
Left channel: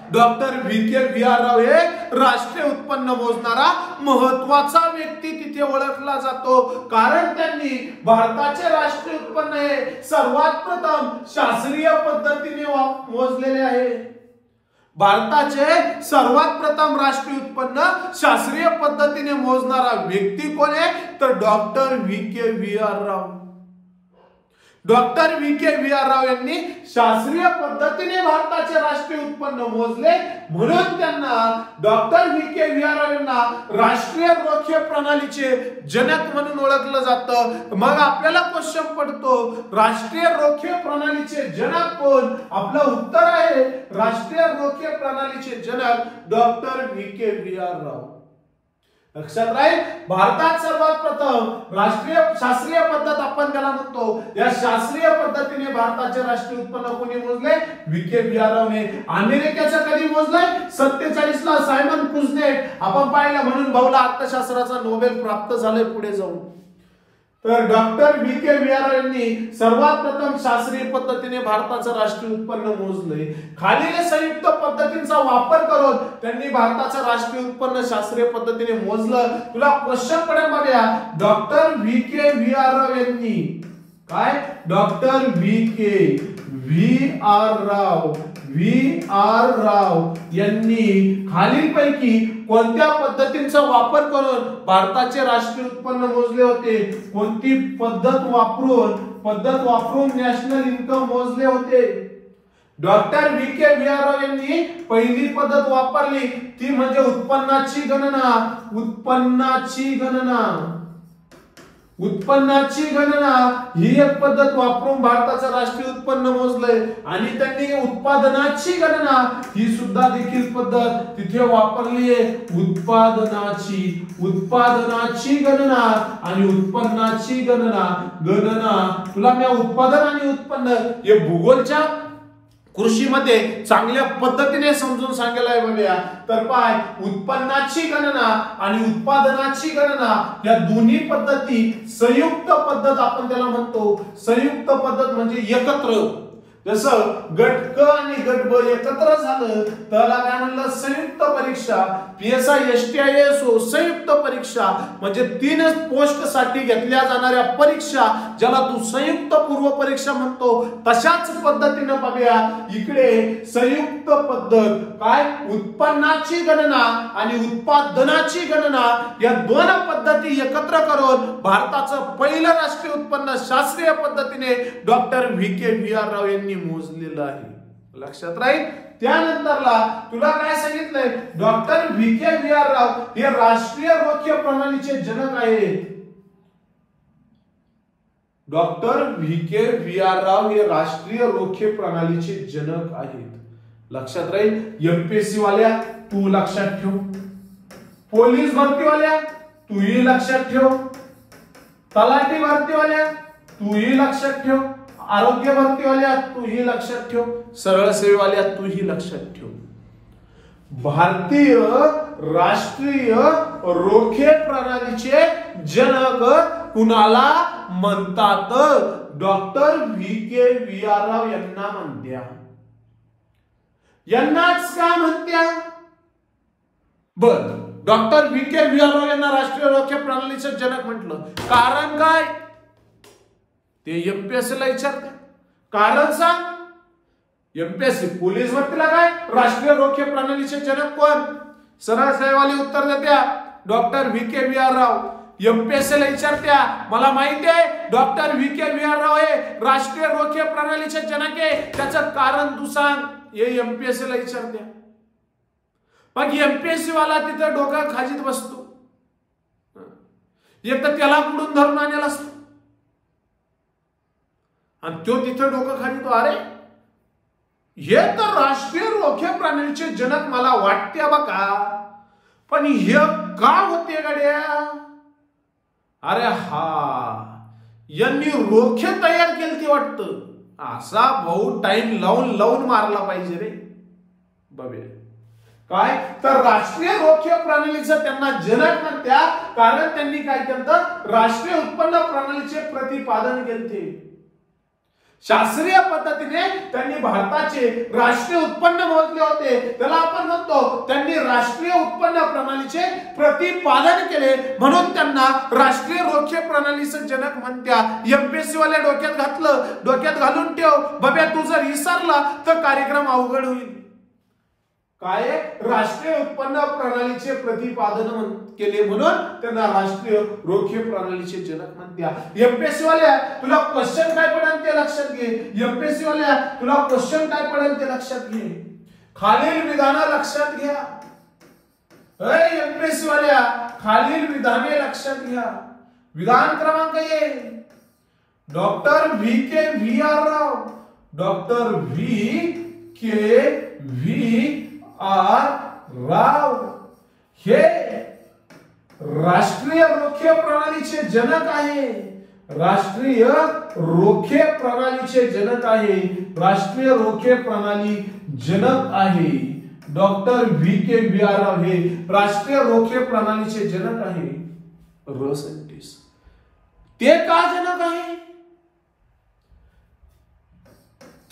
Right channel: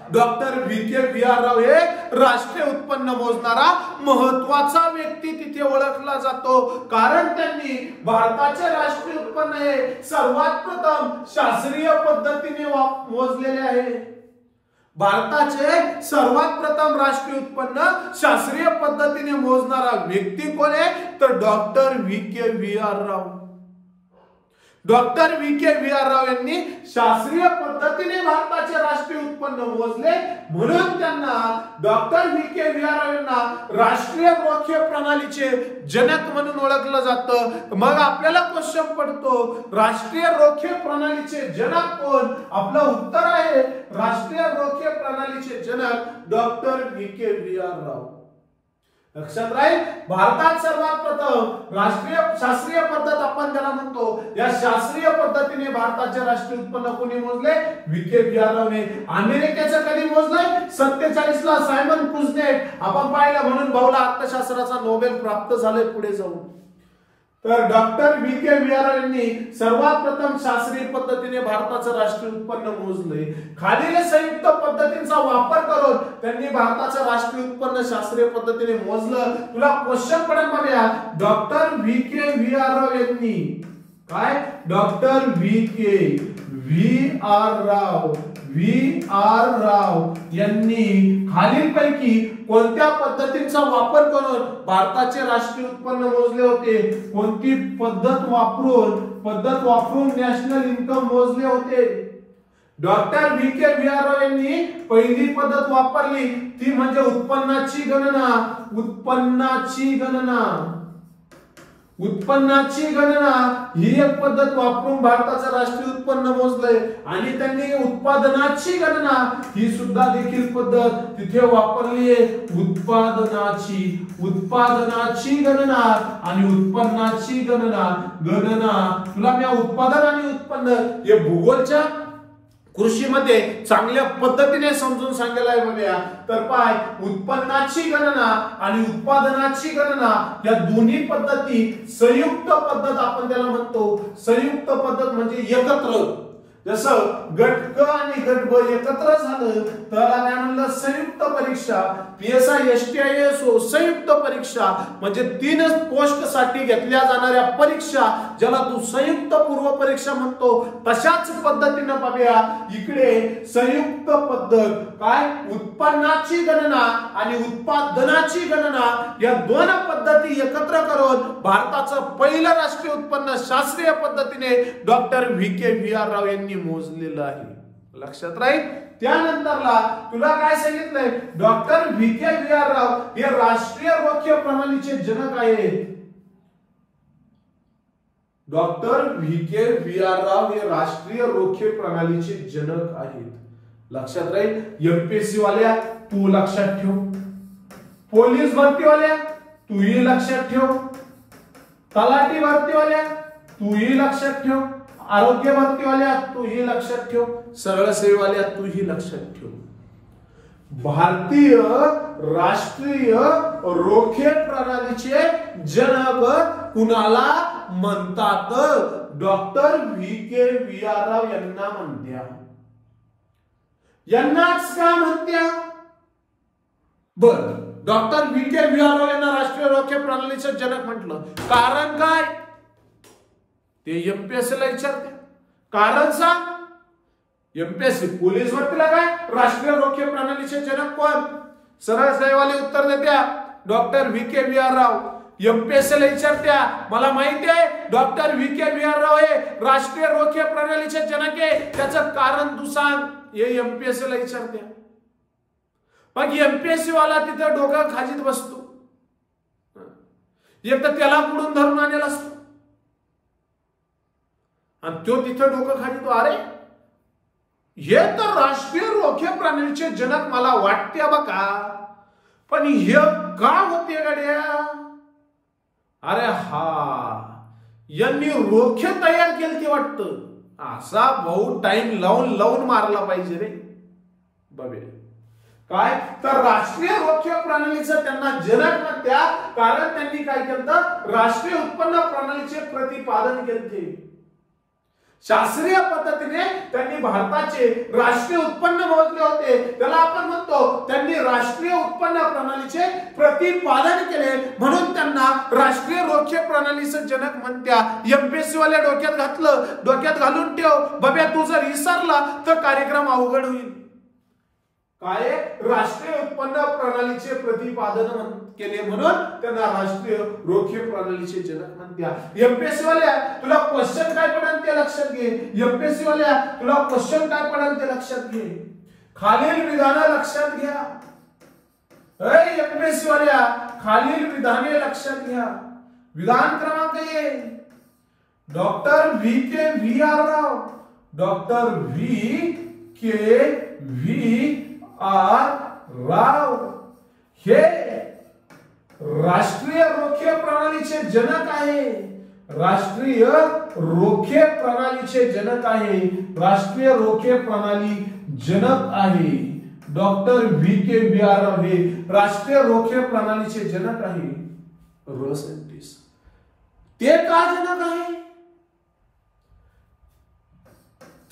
डॉक्टर VK राव हे राष्ट्रीय उत्पन्न मोजणारा महत्वाचा व्यक्ती तिथे ओळखला जातो, कारण त्यांनी भारताचे राष्ट्रीय उत्पन्न हे सर्वात प्रथम शास्त्रीय पद्धतीने मोजलेले आहे। भारताचे सर्वात प्रथम राष्ट्रीय उत्पन्न शास्त्रीय पद्धतीने मोजणारा व्यक्ती कोण आहे, तर डॉक्टर VK राव। डॉक्टर VK राव यांनी शास्त्रीय पद्धतीने भारताचे राष्ट्रीय उत्पन्न मोजले, म्हणून त्यांना डॉक्टर VK राव यांना राष्ट्रीय रोखे प्रणालीचे जनक म्हणून ओळखलं जातं। मग आपल्याला क्वेश्चन पडतो, राष्ट्रीय रोखे प्रणालीचे जनक कोण? आपलं उत्तर आहे राष्ट्रीय रोखे प्रणालीचे जनक डॉक्टर VK राव। लक्षात राहील। भारतात सर्वात प्रथम शास्त्रीय पद्धत आपण त्याला म्हणतो, या शास्त्रीय पद्धतीने भारताचे राष्ट्रीय उत्पन्न कोणी मोजले? VK रावने। अमेरिकेचं कधी मोजलंय? 47 ला सायमन कुझनेट आपण पाहिलं, म्हणून भाऊला अर्थशास्त्राचा नोबेल प्राप्त झाले पुढे जाऊन। तर डॉक्टर VK राव यांनी सर्वात प्रथम शास्त्रीय पद्धतीने भारताचं राष्ट्रीय उत्पन्न मोजले। खालील संयुक्त पद्धतींचा वापर करून त्यांनी भारताचं राष्ट्रीय उत्पन्न शास्त्रीय पद्धतीने मोजलं। तुला क्वेश्चन पडेल बघा, डॉक्टर VK राव यांनी काय, डॉक्टर VK राव यांनी खालीलपैकी कोणत्या पद्धतींचा वापर करून भारताचे राष्ट्रीय उत्पन्न मोजले होते? कोणती पद्धत वापरून नॅशनल इन्कम मोजले होते? डॉक्टर VK राव यांनी पहिली पद्धत वापरली ती म्हणजे उत्पन्नाची गणना ही एक पद्धत वापरून भारताचं राष्ट्रीय उत्पन्न मोजलंय। आणि त्यांनी उत्पादनाची गणना ही सुद्धा देखील पद्धत तिथे वापरली आहे। उत्पादनाची गणना आणि उत्पन्नाची गणना तुला मी उत्पादन आणि उत्पन्न हे भूगोलच्या कृषीमध्ये चांगल्या पद्धतीने समजून सांगायला आहे बघूया. तर पाय उत्पन्नाची गणना आणि उत्पादनाची गणना या दोन्ही पद्धती संयुक्त पद्धत आपण त्याला म्हणतो. संयुक्त पद्धत म्हणजे एकत्र. जसं गट क आणि गट ब एकत्र झालं त्याला काय म्हणलं संयुक्त परीक्षा. PSI STI ASO संयुक्त परीक्षा म्हणजे 3 पोस्ट साठी घेतल्या जाणाऱ्या परीक्षा ज्याला तू संयुक्त पूर्व परीक्षा म्हणतो. तशाच पद्धतीने बघूया इकडे संयुक्त पद्धत काय उत्पन्नाची गणना आणि उत्पादनाची गणना या दोन पद्धती एकत्र करून भारताचं पहिलं राष्ट्रीय उत्पन्न शास्त्रीय पद्धतीने डॉक्टर VK VR राव यांनी मोजलेलं आहे. लक्षात राहील. त्यानंतरला तुला काय सांगितलंय डॉक्टर VK VR राव हे राष्ट्रीय रोखे प्रणालीचे जनक आहेत. डॉक्टर VK VR राव हे राष्ट्रीय रोखे प्रणालीचे जनक आहेत. लक्षात राहील. MPSC वाल्या तू लक्षात ठेव. पोलीस भरतीवाल्या तूही लक्षात ठेव. तलाठी भरतीवाल्या तूही लक्षात ठेव. आरोग्य भरतीवाल्या तूही लक्षात ठेव. सरळ सेवेवाल्या तूही लक्षात ठेव. भारतीय राष्ट्रीय रोखे प्रणालीचे जनक कुणाला म्हणतात? डॉक्टर VK VR राव यांना म्हणत्या. यांनाच का म्हणत्या? बर डॉक्टर VK VR राव यांना राष्ट्रीय रोखे प्रणालीचे जनक म्हटलं. कारण काय ते MPSC ला विचारते. कारण सांग. MPSC पोलीस भरतीला काय राष्ट्रीय रोखे प्रणालीचे जनक कोण? सरळ सेवेवाले उत्तर देत्या डॉक्टर VK VR राव. MPSC ला विचारत्या मला माहिती आहे डॉक्टर VK VR राव हे राष्ट्रीय रोखे प्रणालीचे जनक आहे त्याचं कारण तू सांग. हे MPSC ला विचारत्या. मग MPSC वाला तिथं डोकं खाजीत बसतो. एक तर त्याला पुढून धरून आणलेला असतो आणि तो तिथं डोकं खाली तो अरे हे तर राष्ट्रीय रोखे प्रणालीचे जनक मला वाटते बघा पण हे का होते गाड्या? अरे हा यांनी रोखे तयार केले ते वाटतं. असा भाऊ टाइम लावून मारला पाहिजे रे बाबे. काय तर राष्ट्रीय रोखे प्रणालीचं त्यांना जनक म्हणत्या कारण त्यांनी काय केलं राष्ट्रीय उत्पन्न प्रणालीचे प्रतिपादन केले. शास्त्रीय पद्धतीने त्यांनी भारताचे राष्ट्रीय उत्पन्न मोजले होते. त्याला आपण म्हणतो त्यांनी राष्ट्रीय उत्पन्न प्रणालीचे प्रतिपादन केले म्हणून त्यांना राष्ट्रीय रोखे प्रणालीचे जनक म्हणत्या. MPSC वाल्या डोक्यात घालून ठेव बाबा. तू जर विसरला तर कार्यक्रम अवघड होईल. काय राष्ट्रीय उत्पन्न प्रणालीचे प्रतिपादन केले म्हणून त्यांना राष्ट्रीय रोखे प्रणालीचे जनक म्हणत्या. MPSC वाल्या तुला क्वेश्चन काय पडेल ते लक्षात घे. MPSC वाल्या तुला क्वेश्चन काय पडेल ते लक्षात घे. खालील विधाने लक्षात घ्या. MPSC वाल्या खालील विधाने लक्षात घ्या. विधान क्रमांक 1 डॉक्टर VK VR राव. डॉक्टर VK VR राव हे राष्ट्रीय रोखे प्रणालीचे जनक आहे. राष्ट्रीय रोखे प्रणालीचे जनक आहे. राष्ट्रीय रोखे प्रणाली जनक आहे. डॉक्टर VK VR राव हे राष्ट्रीय रोखे प्रणालीचे जनक आहे. सायंटिस्ट ते का जनक आहे?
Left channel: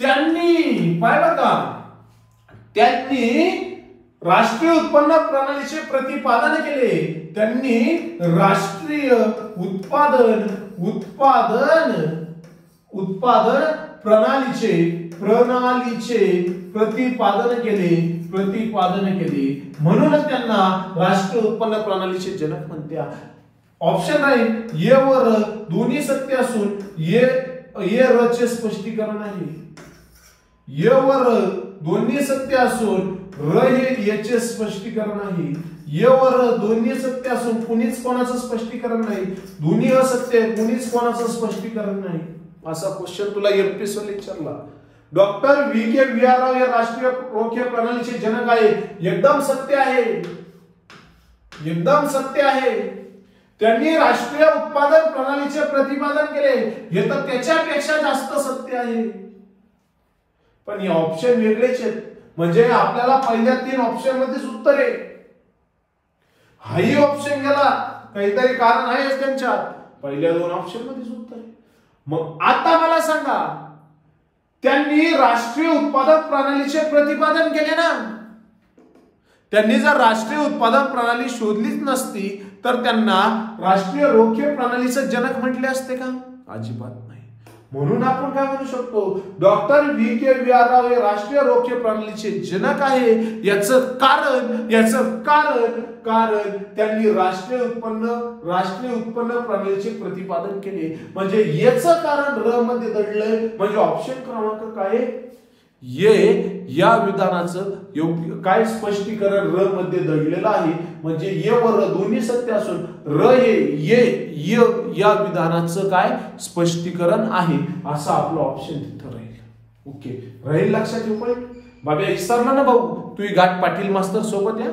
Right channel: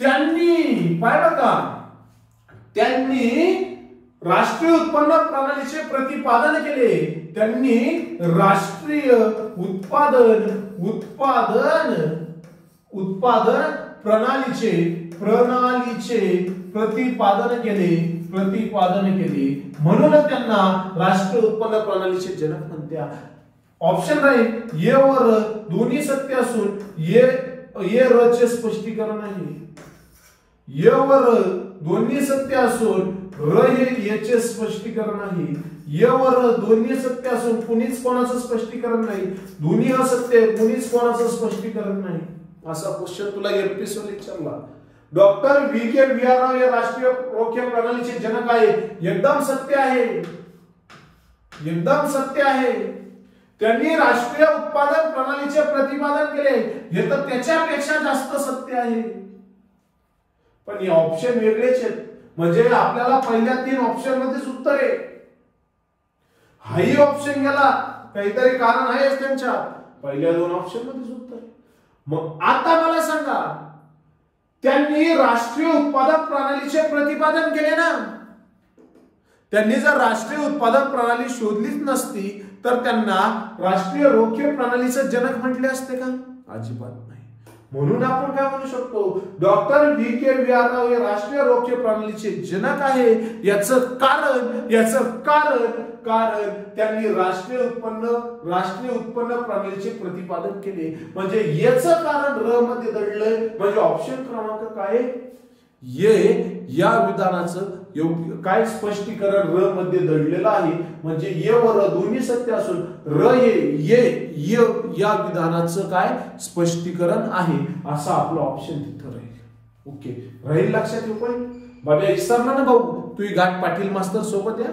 त्यांनी पाहिलं का त्यांनी राष्ट्रीय उत्पन्न प्रणालीचे प्रतिपादन केले. त्यांनी राष्ट्रीय उत्पादन प्रणालीचे प्रतिपादन केले म्हणून त्यांना राष्ट्रीय उत्पन्न प्रणालीचे जनक म्हणत्या. ऑप्शन राहील ए वर दोन्ही सत्य असून ए र चे स्पष्टीकरण आहे. ए वर दोन्ही सत्य असून र हे याचे स्पष्टीकरण आहे. ए वर दोन्ही सत्य असून कुणीच कोणाचं स्पष्टीकरण नाही. दोन्ही असत्य कुणीच कोणाचं स्पष्टीकरण नाही. असा क्वेश्चन तुला MPSC ला विचारला. डॉक्टर VK VR राव या राष्ट्रीय रोखे प्रणालीचे जनक आहे. एकदम सत्य आहे. एकदम सत्य आहे. त्यांनी राष्ट्रीय उत्पादन प्रणालीचे प्रतिपादन केले हे तर त्याच्यापेक्षा जास्त सत्य आहे. पण हे ऑप्शन वेगळेच आहेत. म्हणजे आपल्याला पहिल्या 3 ऑप्शन मध्येच उत्तर आहे. हाही ऑप्शन गेला, काहीतरी कारण आहे त्यांच्यात, पहिल्या 2 ऑप्शन मध्येच उत्तर आहे. मग आता मला सांगा, त्यांनी राष्ट्रीय उत्पादक प्रणालीचे प्रतिपादन केले ना. त्यांनी जर राष्ट्रीय उत्पादन प्रणाली शोधलीच नसती तर त्यांना राष्ट्रीय रोखे प्रणालीचे जनक म्हटले असते का? अजिबात नाही. म्हणून आपण काय म्हणू शकतो, डॉक्टर VKVR राव हे राष्ट्रीय रोखे प्रणालीचे जनक आहे. याचं कारण त्यांनी राष्ट्रीय उत्पन्न प्रणालीचे प्रतिपादन केले. म्हणजे याचं कारण र मध्ये दडलंय. म्हणजे ऑप्शन क्रमांक काय, ये या विधानाचं योग्य काय स्पष्टीकरण र मध्ये दडलेलं आहे. म्हणजे ये व र दोन्ही सत्य असून र ये या विधानाचं काय स्पष्टीकरण आहे, असं आपलं ऑप्शन तिथं राहील. ओके, राहील लक्षात ठेव. पण बाबा विसरणार ना भाऊ, तू गाठ पाटील मास्तर सोबत या.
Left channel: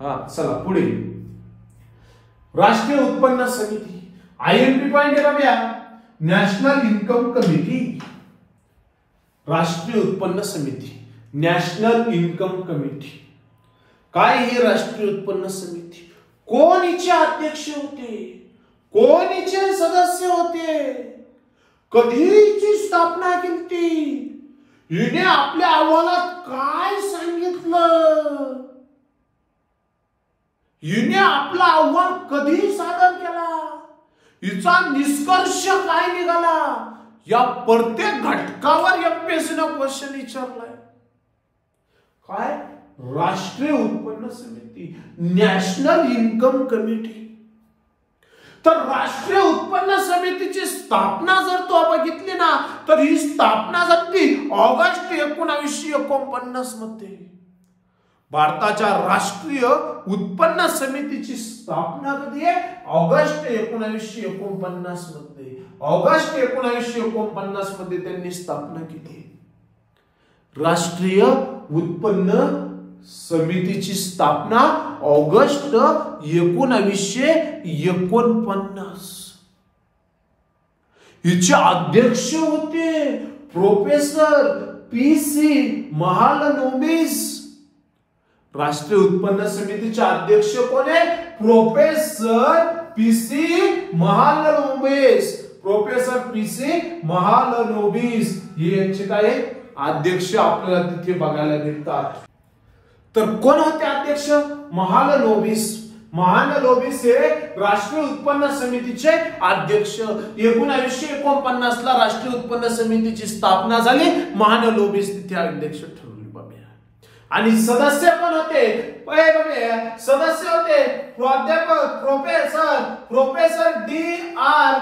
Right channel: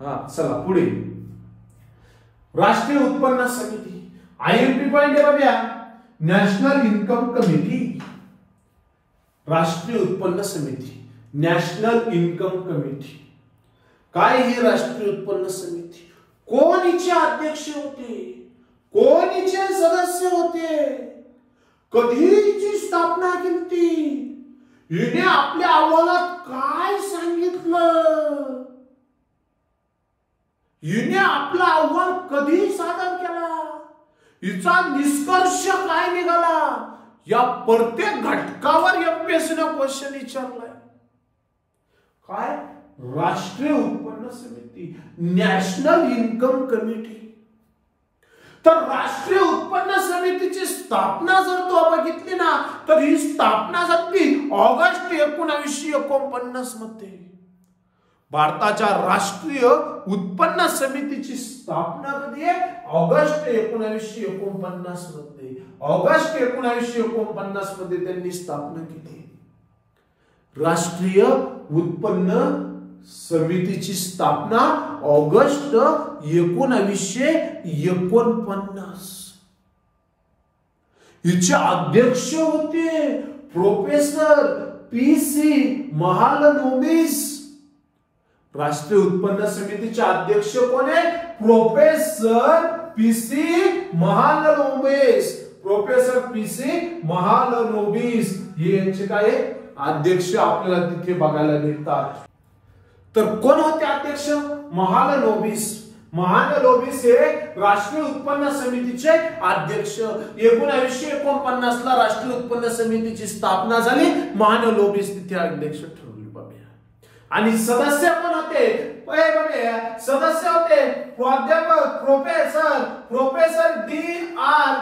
हा चला पुढे, राष्ट्रीय उत्पन्न समिती. IMP पॉइंट आहे बाबा, नॅशनल इन्कम कमिटी. राष्ट्रीय उत्पन्न समिती, नॅशनल इन्कम कमिटी. काय ही राष्ट्रीय उत्पन्न समिती? कोण हिचे अध्यक्ष होते, कोण हिचे सदस्य होते, कधी हिची स्थापना केली, हिने आपल्या अहवालात काय सांगितलं, हिने आपला अहवाल कधी सादर केला, हिचा निष्कर्ष काय निघाला, या प्रत्येक घटकावर MPSC ने क्वेश्चन विचारलाय. काय? राष्ट्रीय उत्पन्न समिती, नॅशनल इन्कम कमिटी. तर राष्ट्रीय उत्पन्न समितीची स्थापना जर तो बघितली ना, तर ही स्थापना झाली ऑगस्ट 1949 मध्ये. भारताच्या राष्ट्रीय उत्पन्न समितीची स्थापना कधी आहे? ऑगस्ट 1949 मध्ये. ऑगस्ट 1949 मध्ये त्यांनी स्थापना केली. राष्ट्रीय उत्पन्न समितीची स्थापना ऑगस्ट 1949. हिचे अध्यक्ष होते प्रोफेसर PC महालनोबिस. राष्ट्रीय उत्पन्न समितीचे अध्यक्ष कोण आहे? Professor PC Mahalanobis. Professor PC Mahalanobis हे यांचे काय अध्यक्ष आपल्याला तिथे बघायला मिळतात. तर कोण होते अध्यक्ष? महालनोबिस. महालनोबिस हे राष्ट्रीय उत्पन्न समितीचे अध्यक्ष. 1949 ला राष्ट्रीय उत्पन्न समितीची स्थापना झाली. महालनोबिस तिथे अध्यक्ष ठरवले. आणि सदस्य कोण होते? सदस्य होते प्राध्यापक प्रोफेसर DR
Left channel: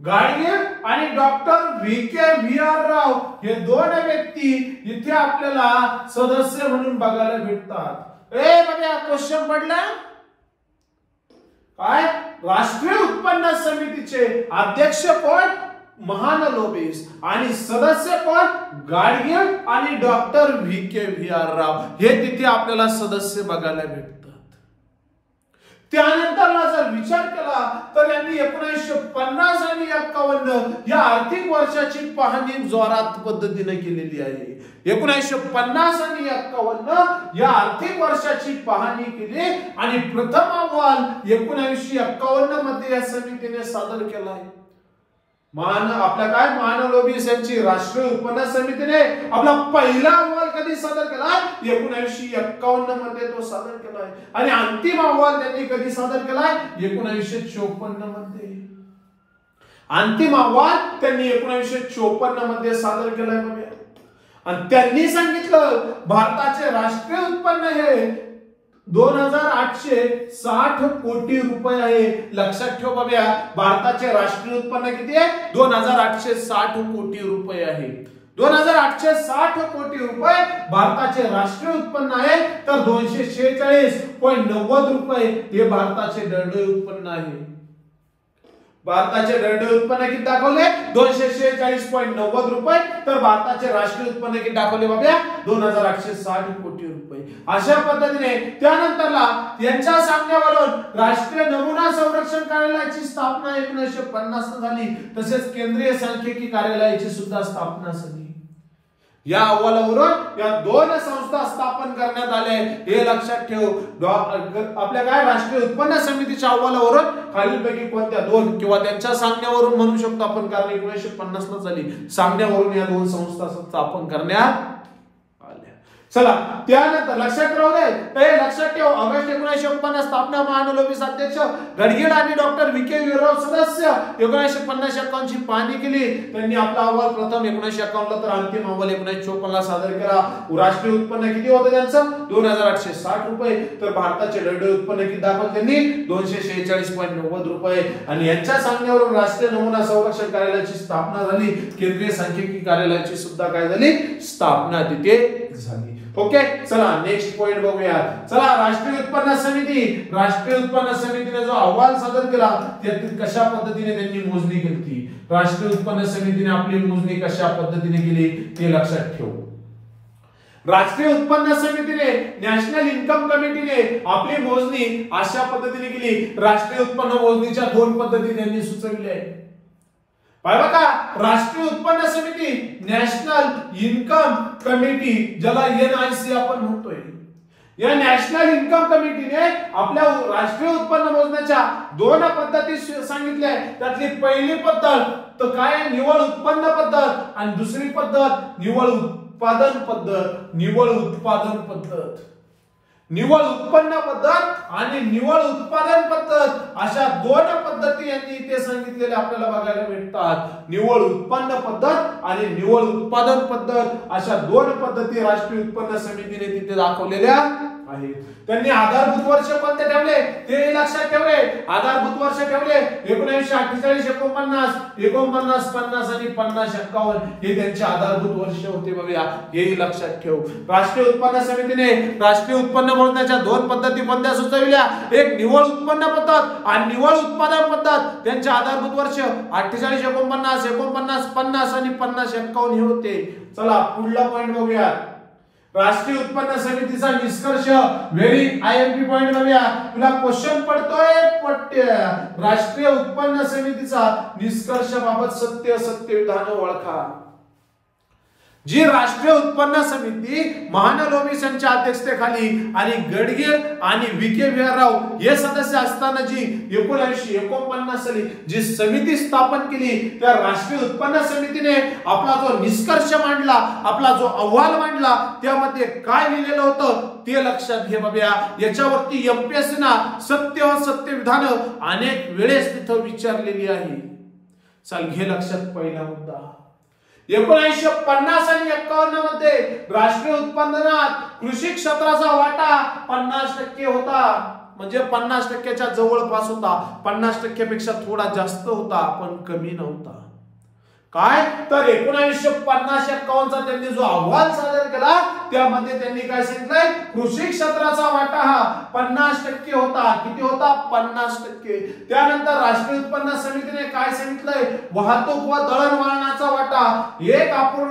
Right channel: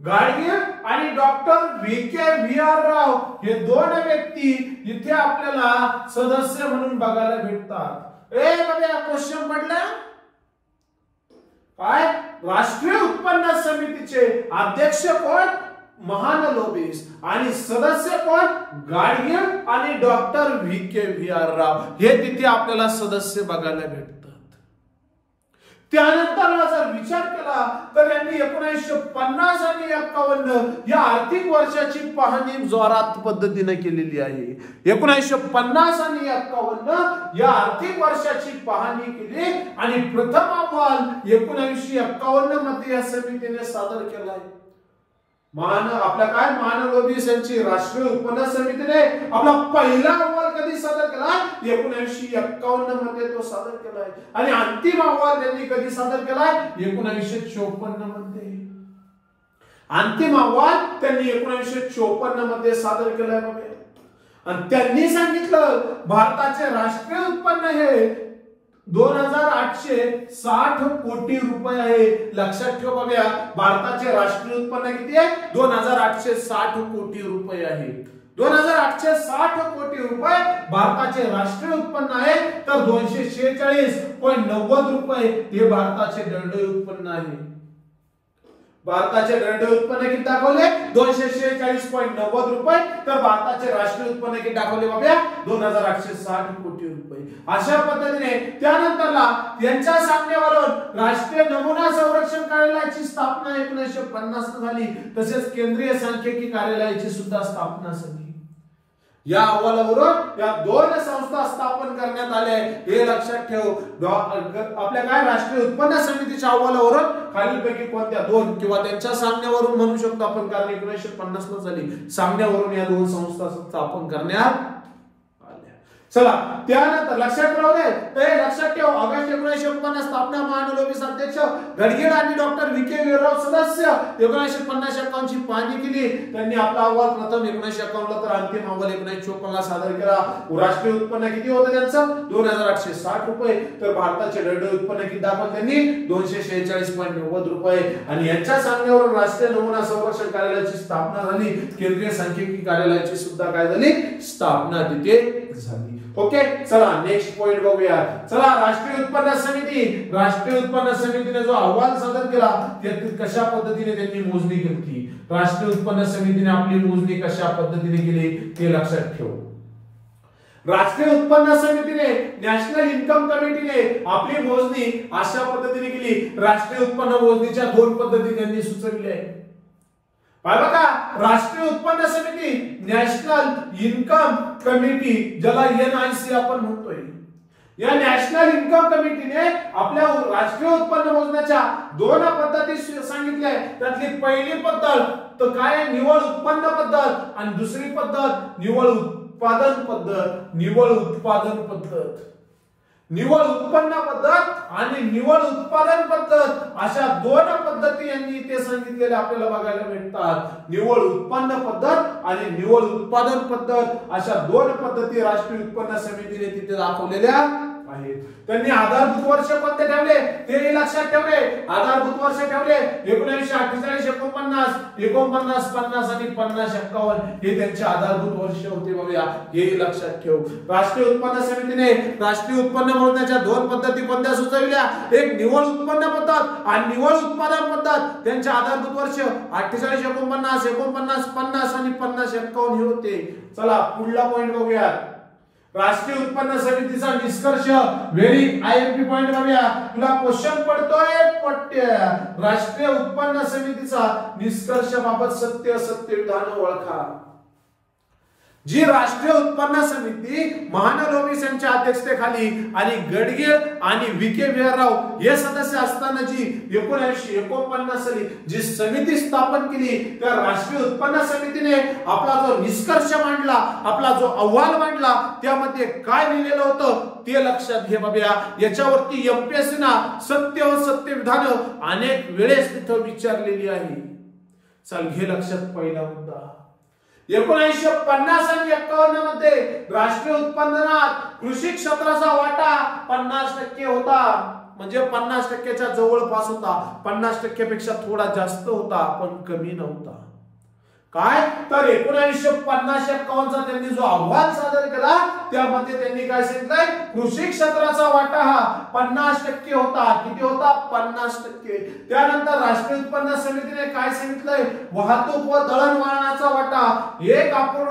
गाडगीळ आणि डॉक्टर VKVR राव. हे 2 व्यक्ती इथे आपल्याला सदस्य म्हणून बघायला भेटतात. क्वेश्चन पडला काय? राष्ट्रीय उत्पन्न समितीचे अध्यक्ष कोण? महालनोबिस. आणि सदस्य कोण? गाडगीळ आणि डॉक्टर VKVR राव. हे तिथे आपल्याला सदस्य बघायला भेटतात. त्यानंतर जर विचार केला तर यांनी 1950 आणि 51 या आर्थिक वर्षाची पाहणी जोरात पद्धतीने केलेली आहे. 1950 आणि 51 या आर्थिक वर्षाची पाहणी केली आणि प्रथम अहवाल 1951 मध्ये या समितीने सादर केला आहे. आपल्या काय महालनोबिस यांची राष्ट्रीय उत्पन्न समितीने आपला पहिला अहवाल कधी सादर केला? 1951 मध्ये तो सादर केलाय. आणि अंतिम अहवाल त्यांनी कधी सादर केलाय? 1954 मध्ये. अंतिम अहवाल त्यांनी 1954 मध्ये सादर केलाय. आणि त्यांनी सांगितलं भारताचे राष्ट्रीय उत्पन्न हे 2860 कोटी रुपये आहे. लक्षात ठेव बाबा, भारताचे राष्ट्रीय उत्पन्न किती आहे? 2860 कोटी रुपये आहे. 2860 कोटी रुपये भारताचे राष्ट्रीय उत्पन्न आहे. तर 246.90 रुपये हे भारताचे दंडोई उत्पन्न आहे. भारताचे दरडोई उत्पन्न किती दाखवले 246.90 रुपये, तर भारताचे राष्ट्रीय उत्पन्न किती दाखवले बाबा 2860 कोटी रुपये. अशा पद्धतीने त्यानंतरला यांच्या सांगण्यावरून राष्ट्रीय नमुना संरक्षण कार्यालयाची स्थापना 1950 झाली. तसेच केंद्रीय सांख्यिकी कार्यालयाची सुद्धा स्थापना झाली. या अहवालावरून या दोन संस्था स्थापन करण्यात आल्या. हे लक्षात ठेव. आपल्या काय राष्ट्रीय उत्पन्न समितीच्या अहवालावरून खालीलपैकी कोणत्या दोन किंवा त्यांच्या सांगण्यावरून म्हणू शकतो आपण, कारण 1950 ला झाली, सांगण्यावरून या दोन संस्था स्थापन करण्यात आल्या. चला त्यानंतर लक्षात राहू दे, तर लक्षात ठेव ऑगस्ट 1950 स्थापना महानलोबीस अध्यक्ष गडगेड आणि डॉक्टर व्ही.के. वीरराव सदस्य 1950-51 ची पाहणी केली. त्यांनी आपला अहवाल प्रथम 1951 ला तर अंतिम अहवाल 1954 ला सादर केला. राष्ट्रीय उत्पन्न किती होतं त्यांचं 2860 रुपये, तर भारताचे दरडोई उत्पन्न किती दाखवलं त्यांनी 246.90 रुपये. आणि यांच्या सांगण्यावरून राष्ट्रीय नमुना संरक्षण कार्यालयाची स्थापना झाली. केंद्रीय सांख्यिकी कार्यालयाची सुद्धा काय झाली स्थापना तिथे झाली. ओके, चला नेक्स्ट पॉइंट बघूया. चला राष्ट्रीय उत्पन्न समितीने जो अहवाल सादर केला त्यात कशा पद्धतीने त्यांनी मोजणी केली, राष्ट्रीय उत्पन्न समितीने आपली मोजणी कशा पद्धतीने केली ते लक्षात ठेव. राष्ट्रीय उत्पन्न समितीने नॅशनल इन्कम कमिटीने आपली मोजणी अशा पद्धतीने केली. राष्ट्रीय उत्पन्न मोजणीच्या दोन पद्धती त्यांनी सुचविल्या आहेत. बघा, राष्ट्रीय उत्पन्न समिती, नॅशनल इन्कम कमिटी, ज्याला NIC आपण म्हणतोय, या नॅशनल इन्कम कमिटीने आपल्या राष्ट्रीय उत्पन्न मोजण्याच्या दोन पद्धती सांगितल्या. त्यातली पहिली पद्धत तर काय निव्वळ उत्पन्न पद्धत आणि दुसरी पद्धत निव्वळ उत्पादन पद्धत. निव्वळ उत्पन्न पद्धत आणि निव्वळ उत्पादन पद्धत अशा दोन पद्धती यांनी इथे सांगितलेल्या आपल्याला बघायला मिळतात. निव्वळ उत्पन्न पद्धत आणि निव्वळ उत्पादन पद्धत अशा दोन पद्धती राष्ट्रीय उत्पन्न समितीने तिथे दाखवलेल्या आहेत. त्यांनी आधारभूत वर्ष कोणते ठेवले ते लक्षात ठेवले. आधारभूत वर्ष ठेवले 1948, 49, 49, आणि 50-51 हे त्यांचे आधारभूत वर्ष होते. बघूया, हे लक्षात ठेव. राष्ट्रीय उत्पन्न समितीने राष्ट्रीय उत्पन्न मोजण्याच्या दोन पद्धती कोणत्या सुचविल्या, एक निव्वळ उत्पन्न पद्धत आणि निव्वळ उत्पादन पद्धत. त्यांचे आधारभूत वर्ष 48, 49, 49, 50 आणि 50-51 हे होते. चला पुढला पॉइंट बघूया. राष्ट्रीय उत्पन्न समितीचा निष्कर्ष, व्हेरी IMP पॉइंट बघूया. तुला क्वेश्चन पडतोय पट्ट्या. राष्ट्रीय उत्पन्न समितीचा निष्कर्ष बाबत सत्य विधान ओळखा. जी राष्ट्रीय उत्पन्न समिती महानलोबीस यांच्या अध्यक्षतेखाली आणि गडगेड आणि व्ही.के. वीरराव हे सदस्य असताना जी 1949 साली जी समिती स्थापन केली, त्या राष्ट्रीय उत्पन्न समितीने आपला जो निष्कर्ष मांडला, आपला जो अहवाल मांडला, त्यामध्ये काय लिहिलेलं होतं ते लक्षात घे बाबा. याच्यावरती MPSC ना सत्य विधान अनेक वेळेस तिथं विचारलेली आहे. चल घे लक्षात. पहिला मुद्दा 1950 आणि 51 मध्ये राष्ट्रीय उत्पन्नात कृषी क्षेत्राचा वाटा 50% होता. म्हणजे 50%च्या जवळपास होता. 50% पेक्षा थोडा जास्त होता, पण कमी नव्हता. काय तर 1950-51 चा त्यांनी जो अहवाल सादर केला त्यामध्ये त्यांनी काय सांगितलंय, कृषी क्षेत्राचा वाटा हा 50% होता. किती होता 50%. त्यानंतर राष्ट्रीय उत्पन्न समितीने काय सांगितलंय, वाहतूक व दळणवळणाचा वाटा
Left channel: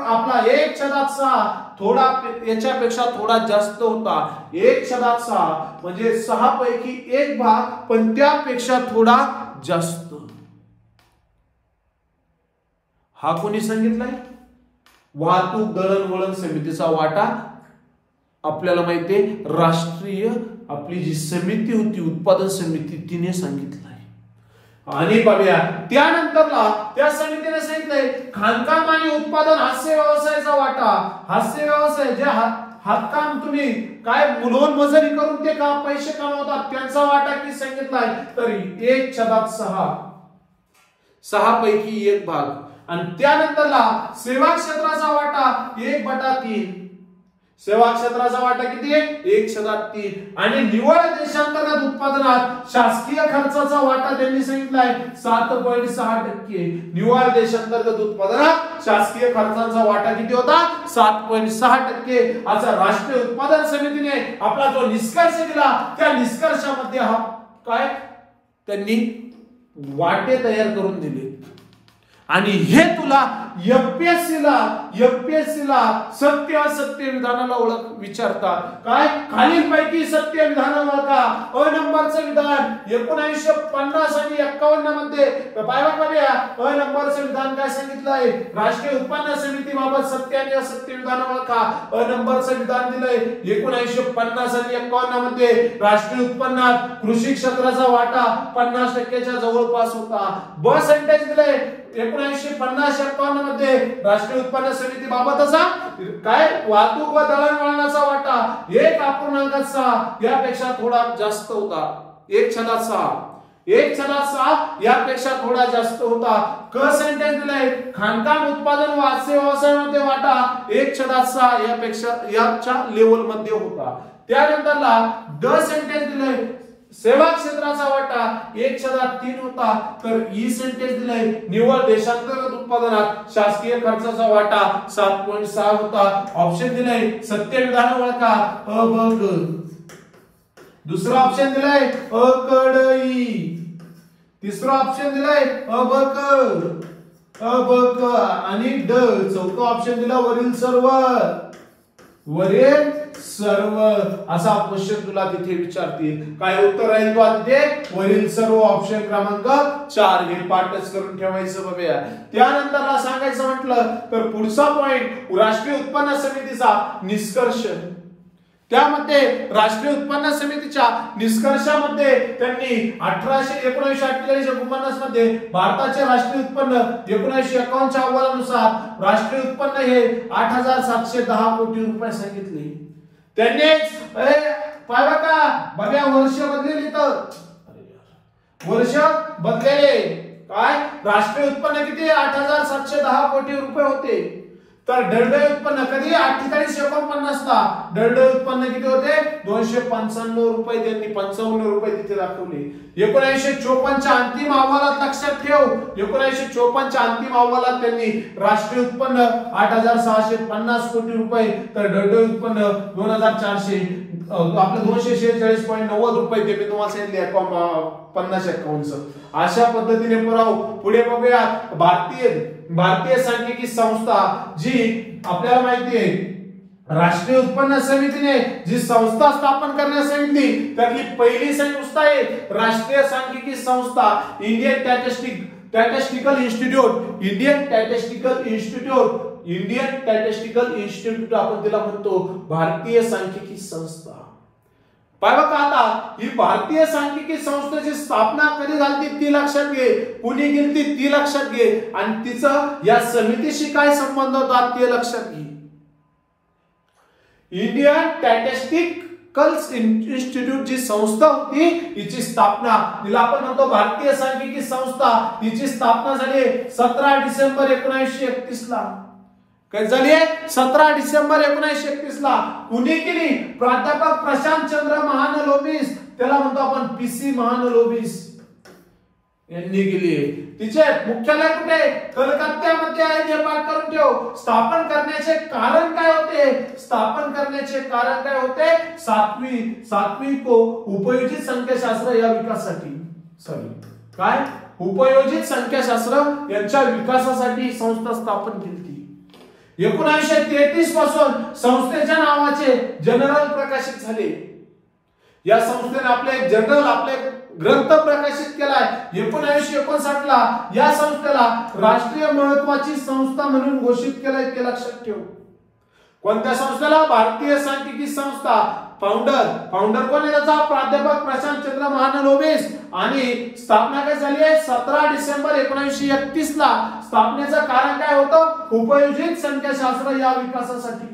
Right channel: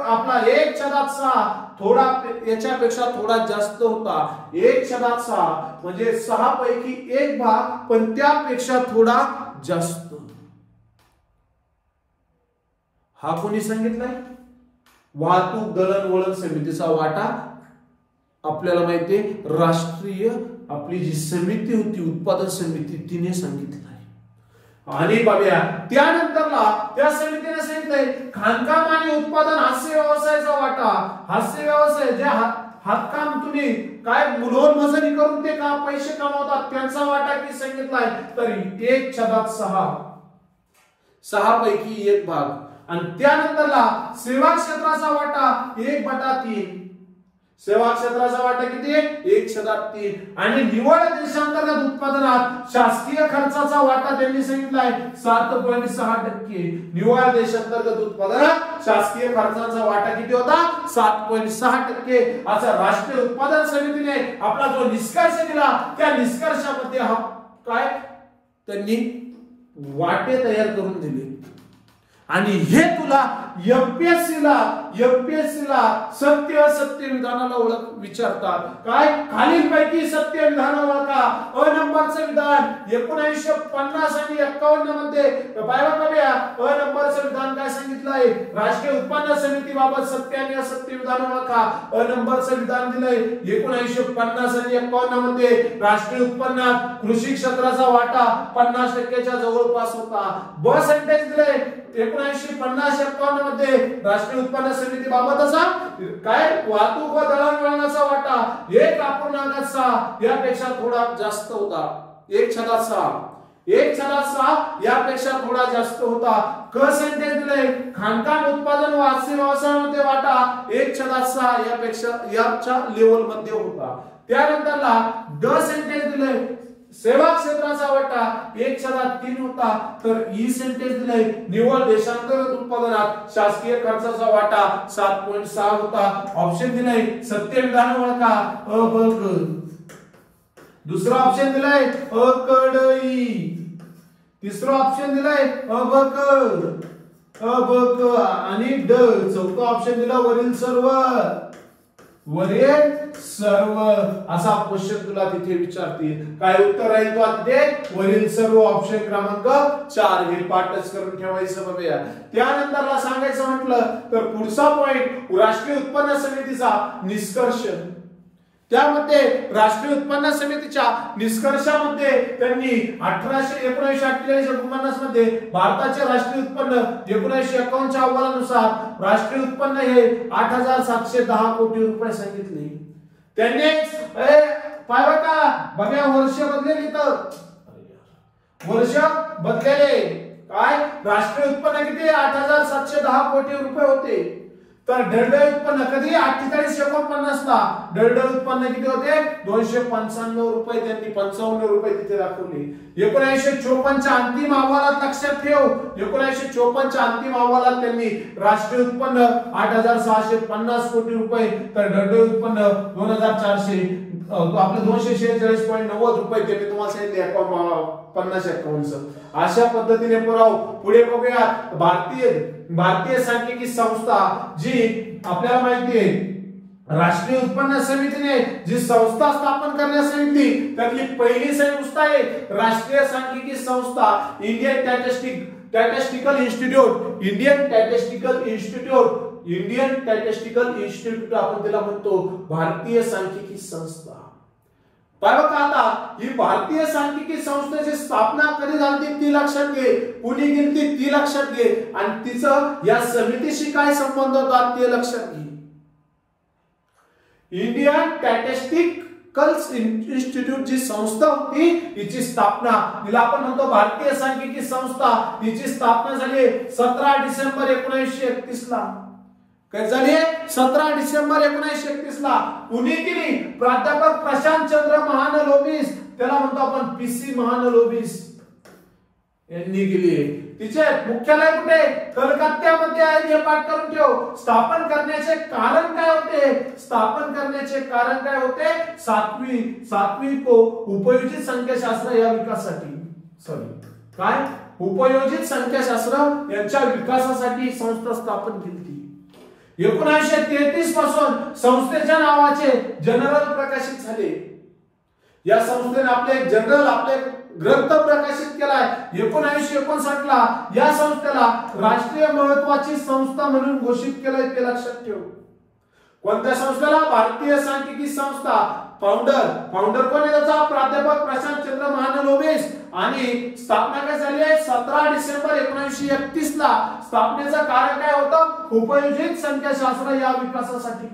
आपला 1/6 थोडा याच्यापेक्षा थोडा जास्त होता. 1/6 म्हणजे 6 पैकी 1 भाग, पण त्यापेक्षा थोडा जास्त. हा कोणी सांगितलाय, वाहतूक दळणवळण समितीचा वाटा आपल्याला माहितीये राष्ट्रीय आपली जी समिती होती उत्पादन समिती तिने सांगितलंय. आणि बघूया त्यानंतरला त्या समितीने सांगितलंय खाणकाम आणि उत्पादन हास्य व्यवसायाचा वाटा. हास्य व्यवसाय जे हातकाम तुम्ही काय मुलवून मजुरी करून ते का पैसे कमवतात त्यांचा वाटा किती सांगितलाय, तर 1/6 6 पैकी 1 भाग. आणि त्यानंतरला सेवा क्षेत्राचा वाटा 1/3. सेवा क्षेत्राचा वाटा किती आहे 1/3. आणि निव्वळ देशांतर्गत उत्पादनात शासकीय खर्चाचा वाटा त्यांनी सांगितलाय 7.6%. निव्वळ देशांतर्गत उत्पादनात शासकीय खर्चाचा वाटा किती होता 7.6%. असा राष्ट्रीय उत्पादन समितीने आपला जो निष्कर्ष दिला त्या निष्कर्षामध्ये हा काय त्यांनी वाटे तयार करून दिले आणि हे तुला एमपीएससी ला सत्य असत्य विधानाला ओळख विचारतात. काय खालीलपैकी सत्य विधान ओळखा. अ नंबरचं विधान 1950 आणि 51 मध्ये पाहूया. अ नंबरचं विधान काय सांगितलं आहे? राष्ट्रीय उत्पन्न समितीबाबत सत्य आणि असत्य विधान ओळखा. अ नंबरचं विधान दिलंय 1950 आणि 51 मध्ये राष्ट्रीय उत्पन्नात कृषी क्षेत्राचा वाटा 50% जवळपास होता. ब सेंटेन्स दिलंय 1950-51 मध्ये राष्ट्रीय उत्पन्न समितीबाबतचा काय वाहतूक व दळणवळणाचा वाटा 1.6 यापेक्षा थोडा जास्त होता. 1/6 यापेक्षा थोडा जास्त होता. क सेंटेन्स दिलंय खाणकाम उत्पादन व आस्य व्यवसायामध्ये वाटा 1/6 याच्या लेवल मध्ये होता. त्यानंतरला ड सेंटेन्स दिलंय सेवा क्षेत्राचा वाटा 1/3 होता. तर ई सेंटेन्स दिलंय निव्वळ देशांतर्गत उत्पादनात शासकीय खर्चाचा वाटा 7.6 होता. ऑप्शन दिलंय सत्य विधान ओळखा. अ ब क. दुसरा ऑप्शन दिलाय अ क ड ई. तिसरा ऑप्शन दिलाय अ ब क आणि ड. चौथा ऑप्शन दिला वरील सर्व असा क्वेश्चन तुला तिथे विचारतील. काय उत्तर राहील तुला तिथे? वरील सर्व. ऑप्शन क्रमांक 4 हे पाठच करून ठेवायचं बघूया. त्यानंतरला सांगायचं म्हटलं तर पुढचा पॉइंट राष्ट्रीय उत्पन्न समितीचा निष्कर्ष. त्यामध्ये राष्ट्रीय उत्पन्न समितीच्या निष्कर्षामध्ये त्यांनी 1948 मध्ये भारताचे राष्ट्रीय उत्पन्न 1951 च्या अहवालानुसार राष्ट्रीय उत्पन्न हे 8,710 कोटी रुपये सांगितले. त्यांनी पाहिलं का बघा वर्ष बदलेली तर वर्ष बदलेले. काय राष्ट्रीय उत्पन्न किती 8,710 कोटी रुपये होते. तर दरडोई उत्पन्न कधी 48-49 ला दरडोई उत्पन्न किती होते 295 रुपये. त्यांनी 55 रुपये तिथे दाखवले. 1954 च्या अंतिम अहवालात लक्षात ठेव 1954 च्या अंतिम अहवालात त्यांनी राष्ट्रीय उत्पन्न 8,650 कोटी रुपये तर दरडोई उत्पन्न 2,400 आपले 246.90 रुपये ते मी तुम्हाला सांगितले 50-51. अशा पद्धतीने पुढे बघूया. भारतीय सांख्यिकी संस्था जी आपल्याला माहिती आहे राष्ट्रीय उत्पन्न समितीने जी संस्था स्थापन करण्यास सांगितली त्यातली पहिली संस्था आहे राष्ट्रीय सांख्यिकी संस्था. इंडियन स्टॅटिस्टिकल इन्स्टिट्यूट आपण तिला म्हणतो. भारतीय सांख्यिकी संस्था. पाहिलं का आता ही भारतीय सांख्यिकी संस्थेची स्थापना कधी झाली ती लक्षात घे. कुणी केली ती लक्षात घे आणि तिचं या समितीशी काय संबंध होता ते लक्षात घे. इंडियन स्टॅटिस्टिकल इन्स्टिट्यूट जी संस्था होती हिची स्थापना तिला आपण म्हणतो भारतीय सांख्यिकी संस्था. हिची स्थापना झाली 17 डिसेंबर 1931 ला. काय झाली 17 डिसेंबर 1931 ला. कुणी केली? प्राध्यापक प्रशांत चंद्र महानलोबिस त्याला म्हणतो आपण पीसी महानलोबिस यांनी केली. तिचे मुख्यालय कुठे? कलकत्त्यामध्ये आहे. हे पाठ करून ठेव. स्थापन करण्याचे कारण काय होते? सातवी को उपयोजित संख्याशास्त्र या विकासासाठी काय उपयोजित संख्याशास्त्र यांच्या विकासासाठी संस्था स्थापन केली. 1933 पासून संस्थेच्या नावाचे जनरल प्रकाशित झाले. या संस्थेने आपले ग्रंथ प्रकाशित केलाय. 1959 ला या संस्थेला राष्ट्रीय महत्त्वाची संस्था म्हणून घोषित केलंय ते लक्षात ठेव. कोणत्या संस्थेला? भारतीय सांख्यिकी संस्था. फाउंडर कोण आहे त्याचा? प्राध्यापक प्रशांत चंद्र महानलोबिस. आणि स्थापना काय झाली आहे 17 डिसेंबर 1931 ला. स्थापनेचं कारण काय होतं? उपयोजित संख्याशास्त्र या विकासासाठी,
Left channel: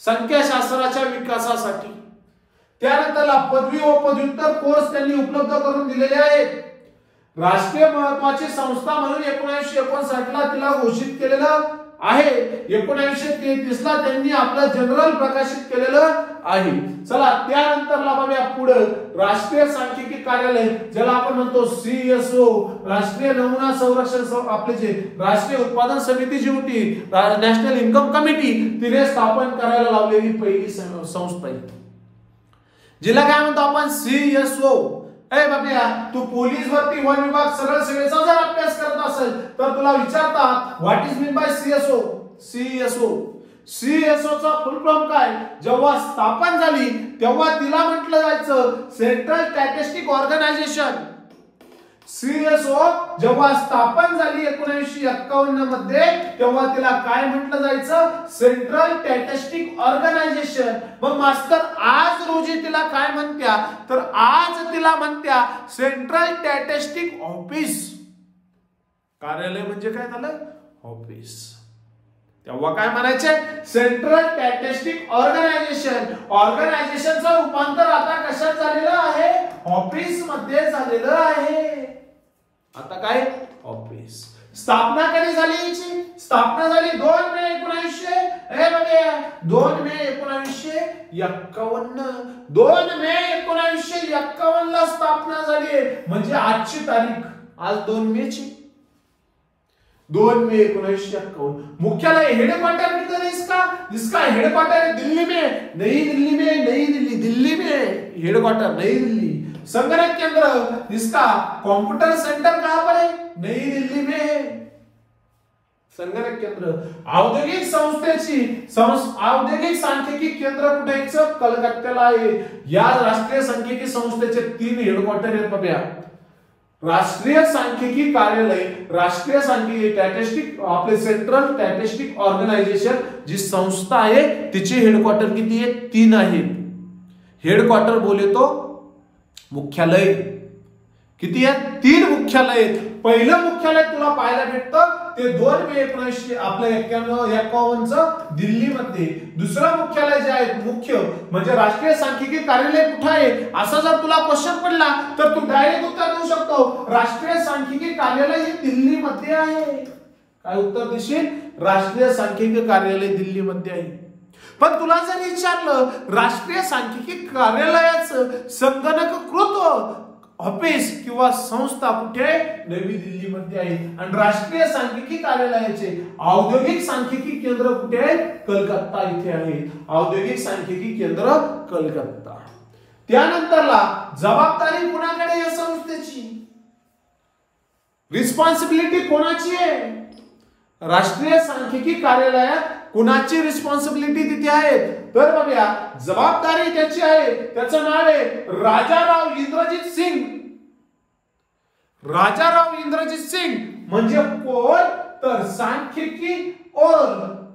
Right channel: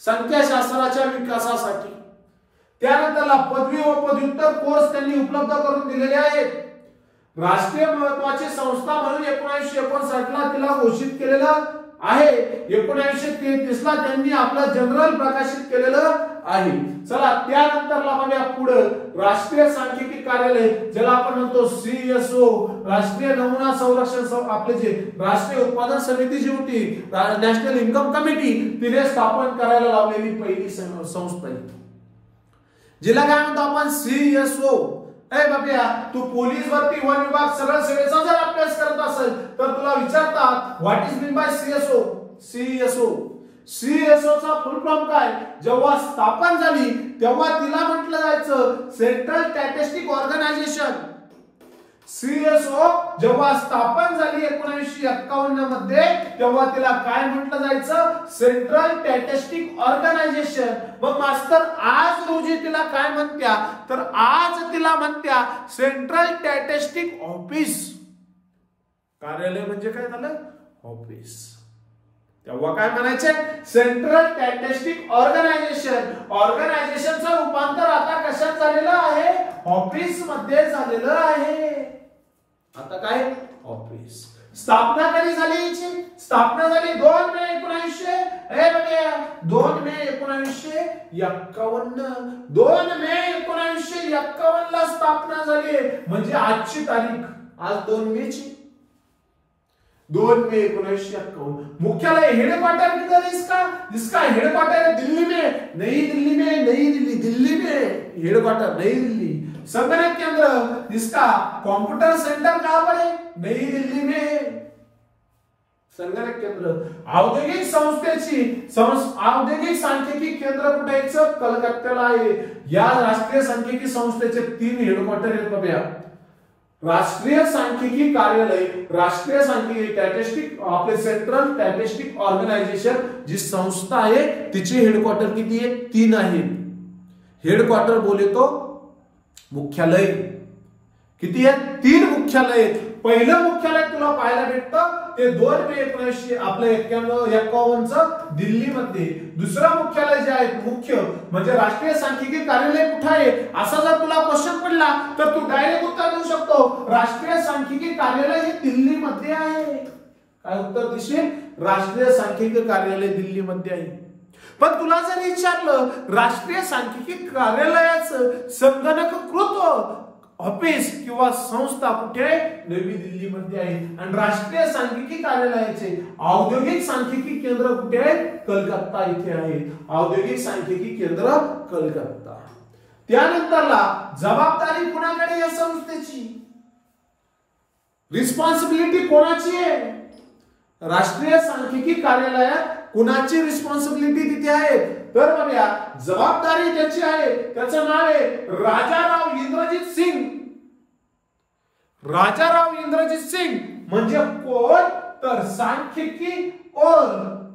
संख्याशास्त्राच्या विकासासाठी. त्यानंतरला पदवी व पदव्युत्तर कोर्स त्यांनी उपलब्ध करून दिलेले आहेत. राष्ट्रीय महत्त्वाची संस्था म्हणून 1959 ला तिला घोषित केलेलं आहे. 1933 ला त्यांनी आपलं जनरल प्रकाशित केलेलं आहे. चला त्यानंतरला बघूया पुढे राष्ट्रीय सांख्यिकी कार्यालय ज्याला आपण म्हणतो CSO राष्ट्रीय नमुना संरक्षण. आपले जे राष्ट्रीय उत्पादन समिती जी होती नॅशनल इन्कम कमिटी तिने स्थापन करायला लावलेली पहिली संस्था आहे जिला काय म्हणतो आपण CSO ए बाबा, तू पोलीस भरती, वन विभाग, सरळ सेवेचा जर अभ्यास करत असेल तर तुला विचारतात what is mean by CSO. CSO चा फुल फॉर्म काय? जेव्हा स्थापन झाली तेव्हा तिला म्हटलं जायचं सेंट्रल स्टॅटिस्टिक ऑर्गनायझेशन. सीएसओ जेव्हा स्थापन झाली 1951 मध्ये तेव्हा तिला काय म्हटलं जायचं? Central statistic organisation. मग मास्तर आज रोजी तिला काय म्हणत्या? तर आज तिला म्हणत्या सेंट्रल स्टॅटिस्टिक ऑफिस. कार्यालय म्हणजे काय झालं? ऑफिस. तेव्हा काय म्हणायचे? Central statistic organisation. ऑर्गनायझेशनचं रूपांतर आता कशात झालेलं आहे? ऑफिस मध्ये झालेलं आहे. आता काय? ऑफिस. स्थापना कधी झाली हिची? स्थापना झाली 2 मे 1900. हे बघा 2 मे 1951. 2 मे 1951 ला स्थापना झाली. म्हणजे आजची तारीख आज 2 मे ची. 2 मे 1951. मुख्यालय हेडक्वार्टर किधर है इसका? इसका हेडक्वार्टर है दिल्ली में. नई दिल्ली में, नई दिल्ली, दिल्ली में हेडक्वार्टर नई दिल्ली. संगणक केंद्र इसका कंप्यूटर सेंटर कहां पर है? नई दिल्ली में संगणक केंद्र. औद्योगिक संस्थेची औद्योगिक सांख्यिकी केंद्र कुठे आहे? कलकत्त्याला आहे. या राष्ट्रीय सांख्यिकी संस्थेचे 3 हेडक्वार्टर आहेत बघा. राष्ट्रीय सांख्यिकी कार्यालय, राष्ट्रीय सांख्यिकी स्टॅटिस्टिक, आपले सेंट्रल स्टॅटिस्टिक ऑर्गनायझेशन जी संस्था आहे तिचे हेडक्वार्टर किती आहे? 3 आहेत. हेडक्वार्टर बोले तो मुख्यालय. किती आहेत? 3 मुख्यालय. पहिलं मुख्यालय तुला पाहायला भेटतं ते 2 मे 1951 चं दिल्लीमध्ये. दुसरं मुख्यालय जे आहे मुख्य म्हणजे राष्ट्रीय सांख्यिकी कार्यालय कुठे आहे असा जर तुला क्वेश्चन पडला तर तू डायरेक्ट उत्तर देऊ शकतो राष्ट्रीय सांख्यिकी कार्यालय हे दिल्लीमध्ये आहे. काय उत्तर देशील? राष्ट्रीय सांख्यिकी कार्यालय दिल्लीमध्ये आहे. पण तुला जर विचारलं राष्ट्रीय सांख्यिकी कार्यालयाचं संगणकीकृत ऑफिस किंवा संस्था कुठे आहे? नवी दिल्लीमध्ये आहे. आणि राष्ट्रीय सांख्यिकी कार्यालयाचे औद्योगिक सांख्यिकी केंद्र कुठे आहे? कलकत्ता इथे आहे. औद्योगिक सांख्यिकी केंद्र कलकत्ता. त्यानंतरला जबाबदारी कुणाकडे या संस्थेची? रिस्पॉन्सिबिलिटी कोणाची आहे? राष्ट्रीय सांख्यिकी कार्यालयात कुणाची रिस्पॉन्सिबिलिटी तिथे आहे? तर बघा जबाबदारी त्याची आहे. त्याचं नाव आहे राजाराव इंद्रजीत सिंग. राजाराव इंद्रजीत सिंग म्हणजे कोण? तर सांख्यिकी और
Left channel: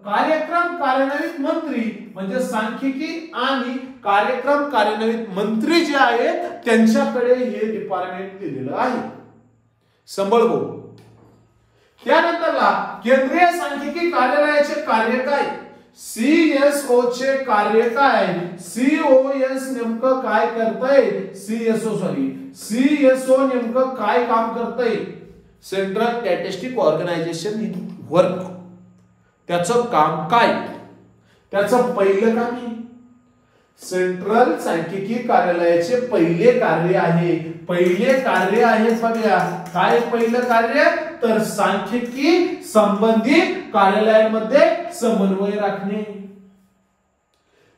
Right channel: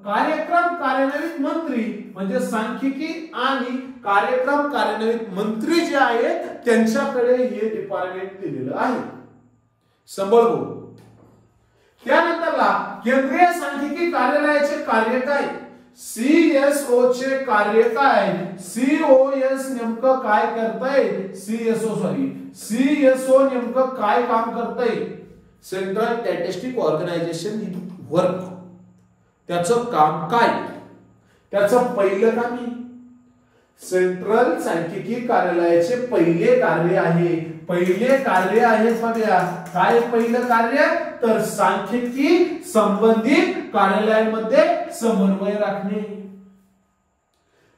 कार्यक्रम कार्यान्वित मंत्री म्हणजे सांख्यिकी आणि कार्यक्रम कार्यान्वित मंत्री जे आहेत त्यांच्याकडे हे डिपार्टमेंट दिलेलं आहे. संभळ गो. त्यानंतरला केंद्रीय सांख्यिकी कार्यालयाचे कार्य काय? सीएसओ चे कार्य काय? सीओएस नेमकं काय करतंय? सीएसओ नेमकं काय काम करतंय? Central statistic organisation work. त्याचं काम काय? त्याचं पहिलं काम आहे सेंट्रल सांख्यिकी कार्यालयाचे पहिले कार्य आहे. बघा काय पहिलं कार्य? तर सांख्यिकी संबंधित कार्यालयांमध्ये समन्वय राखणे.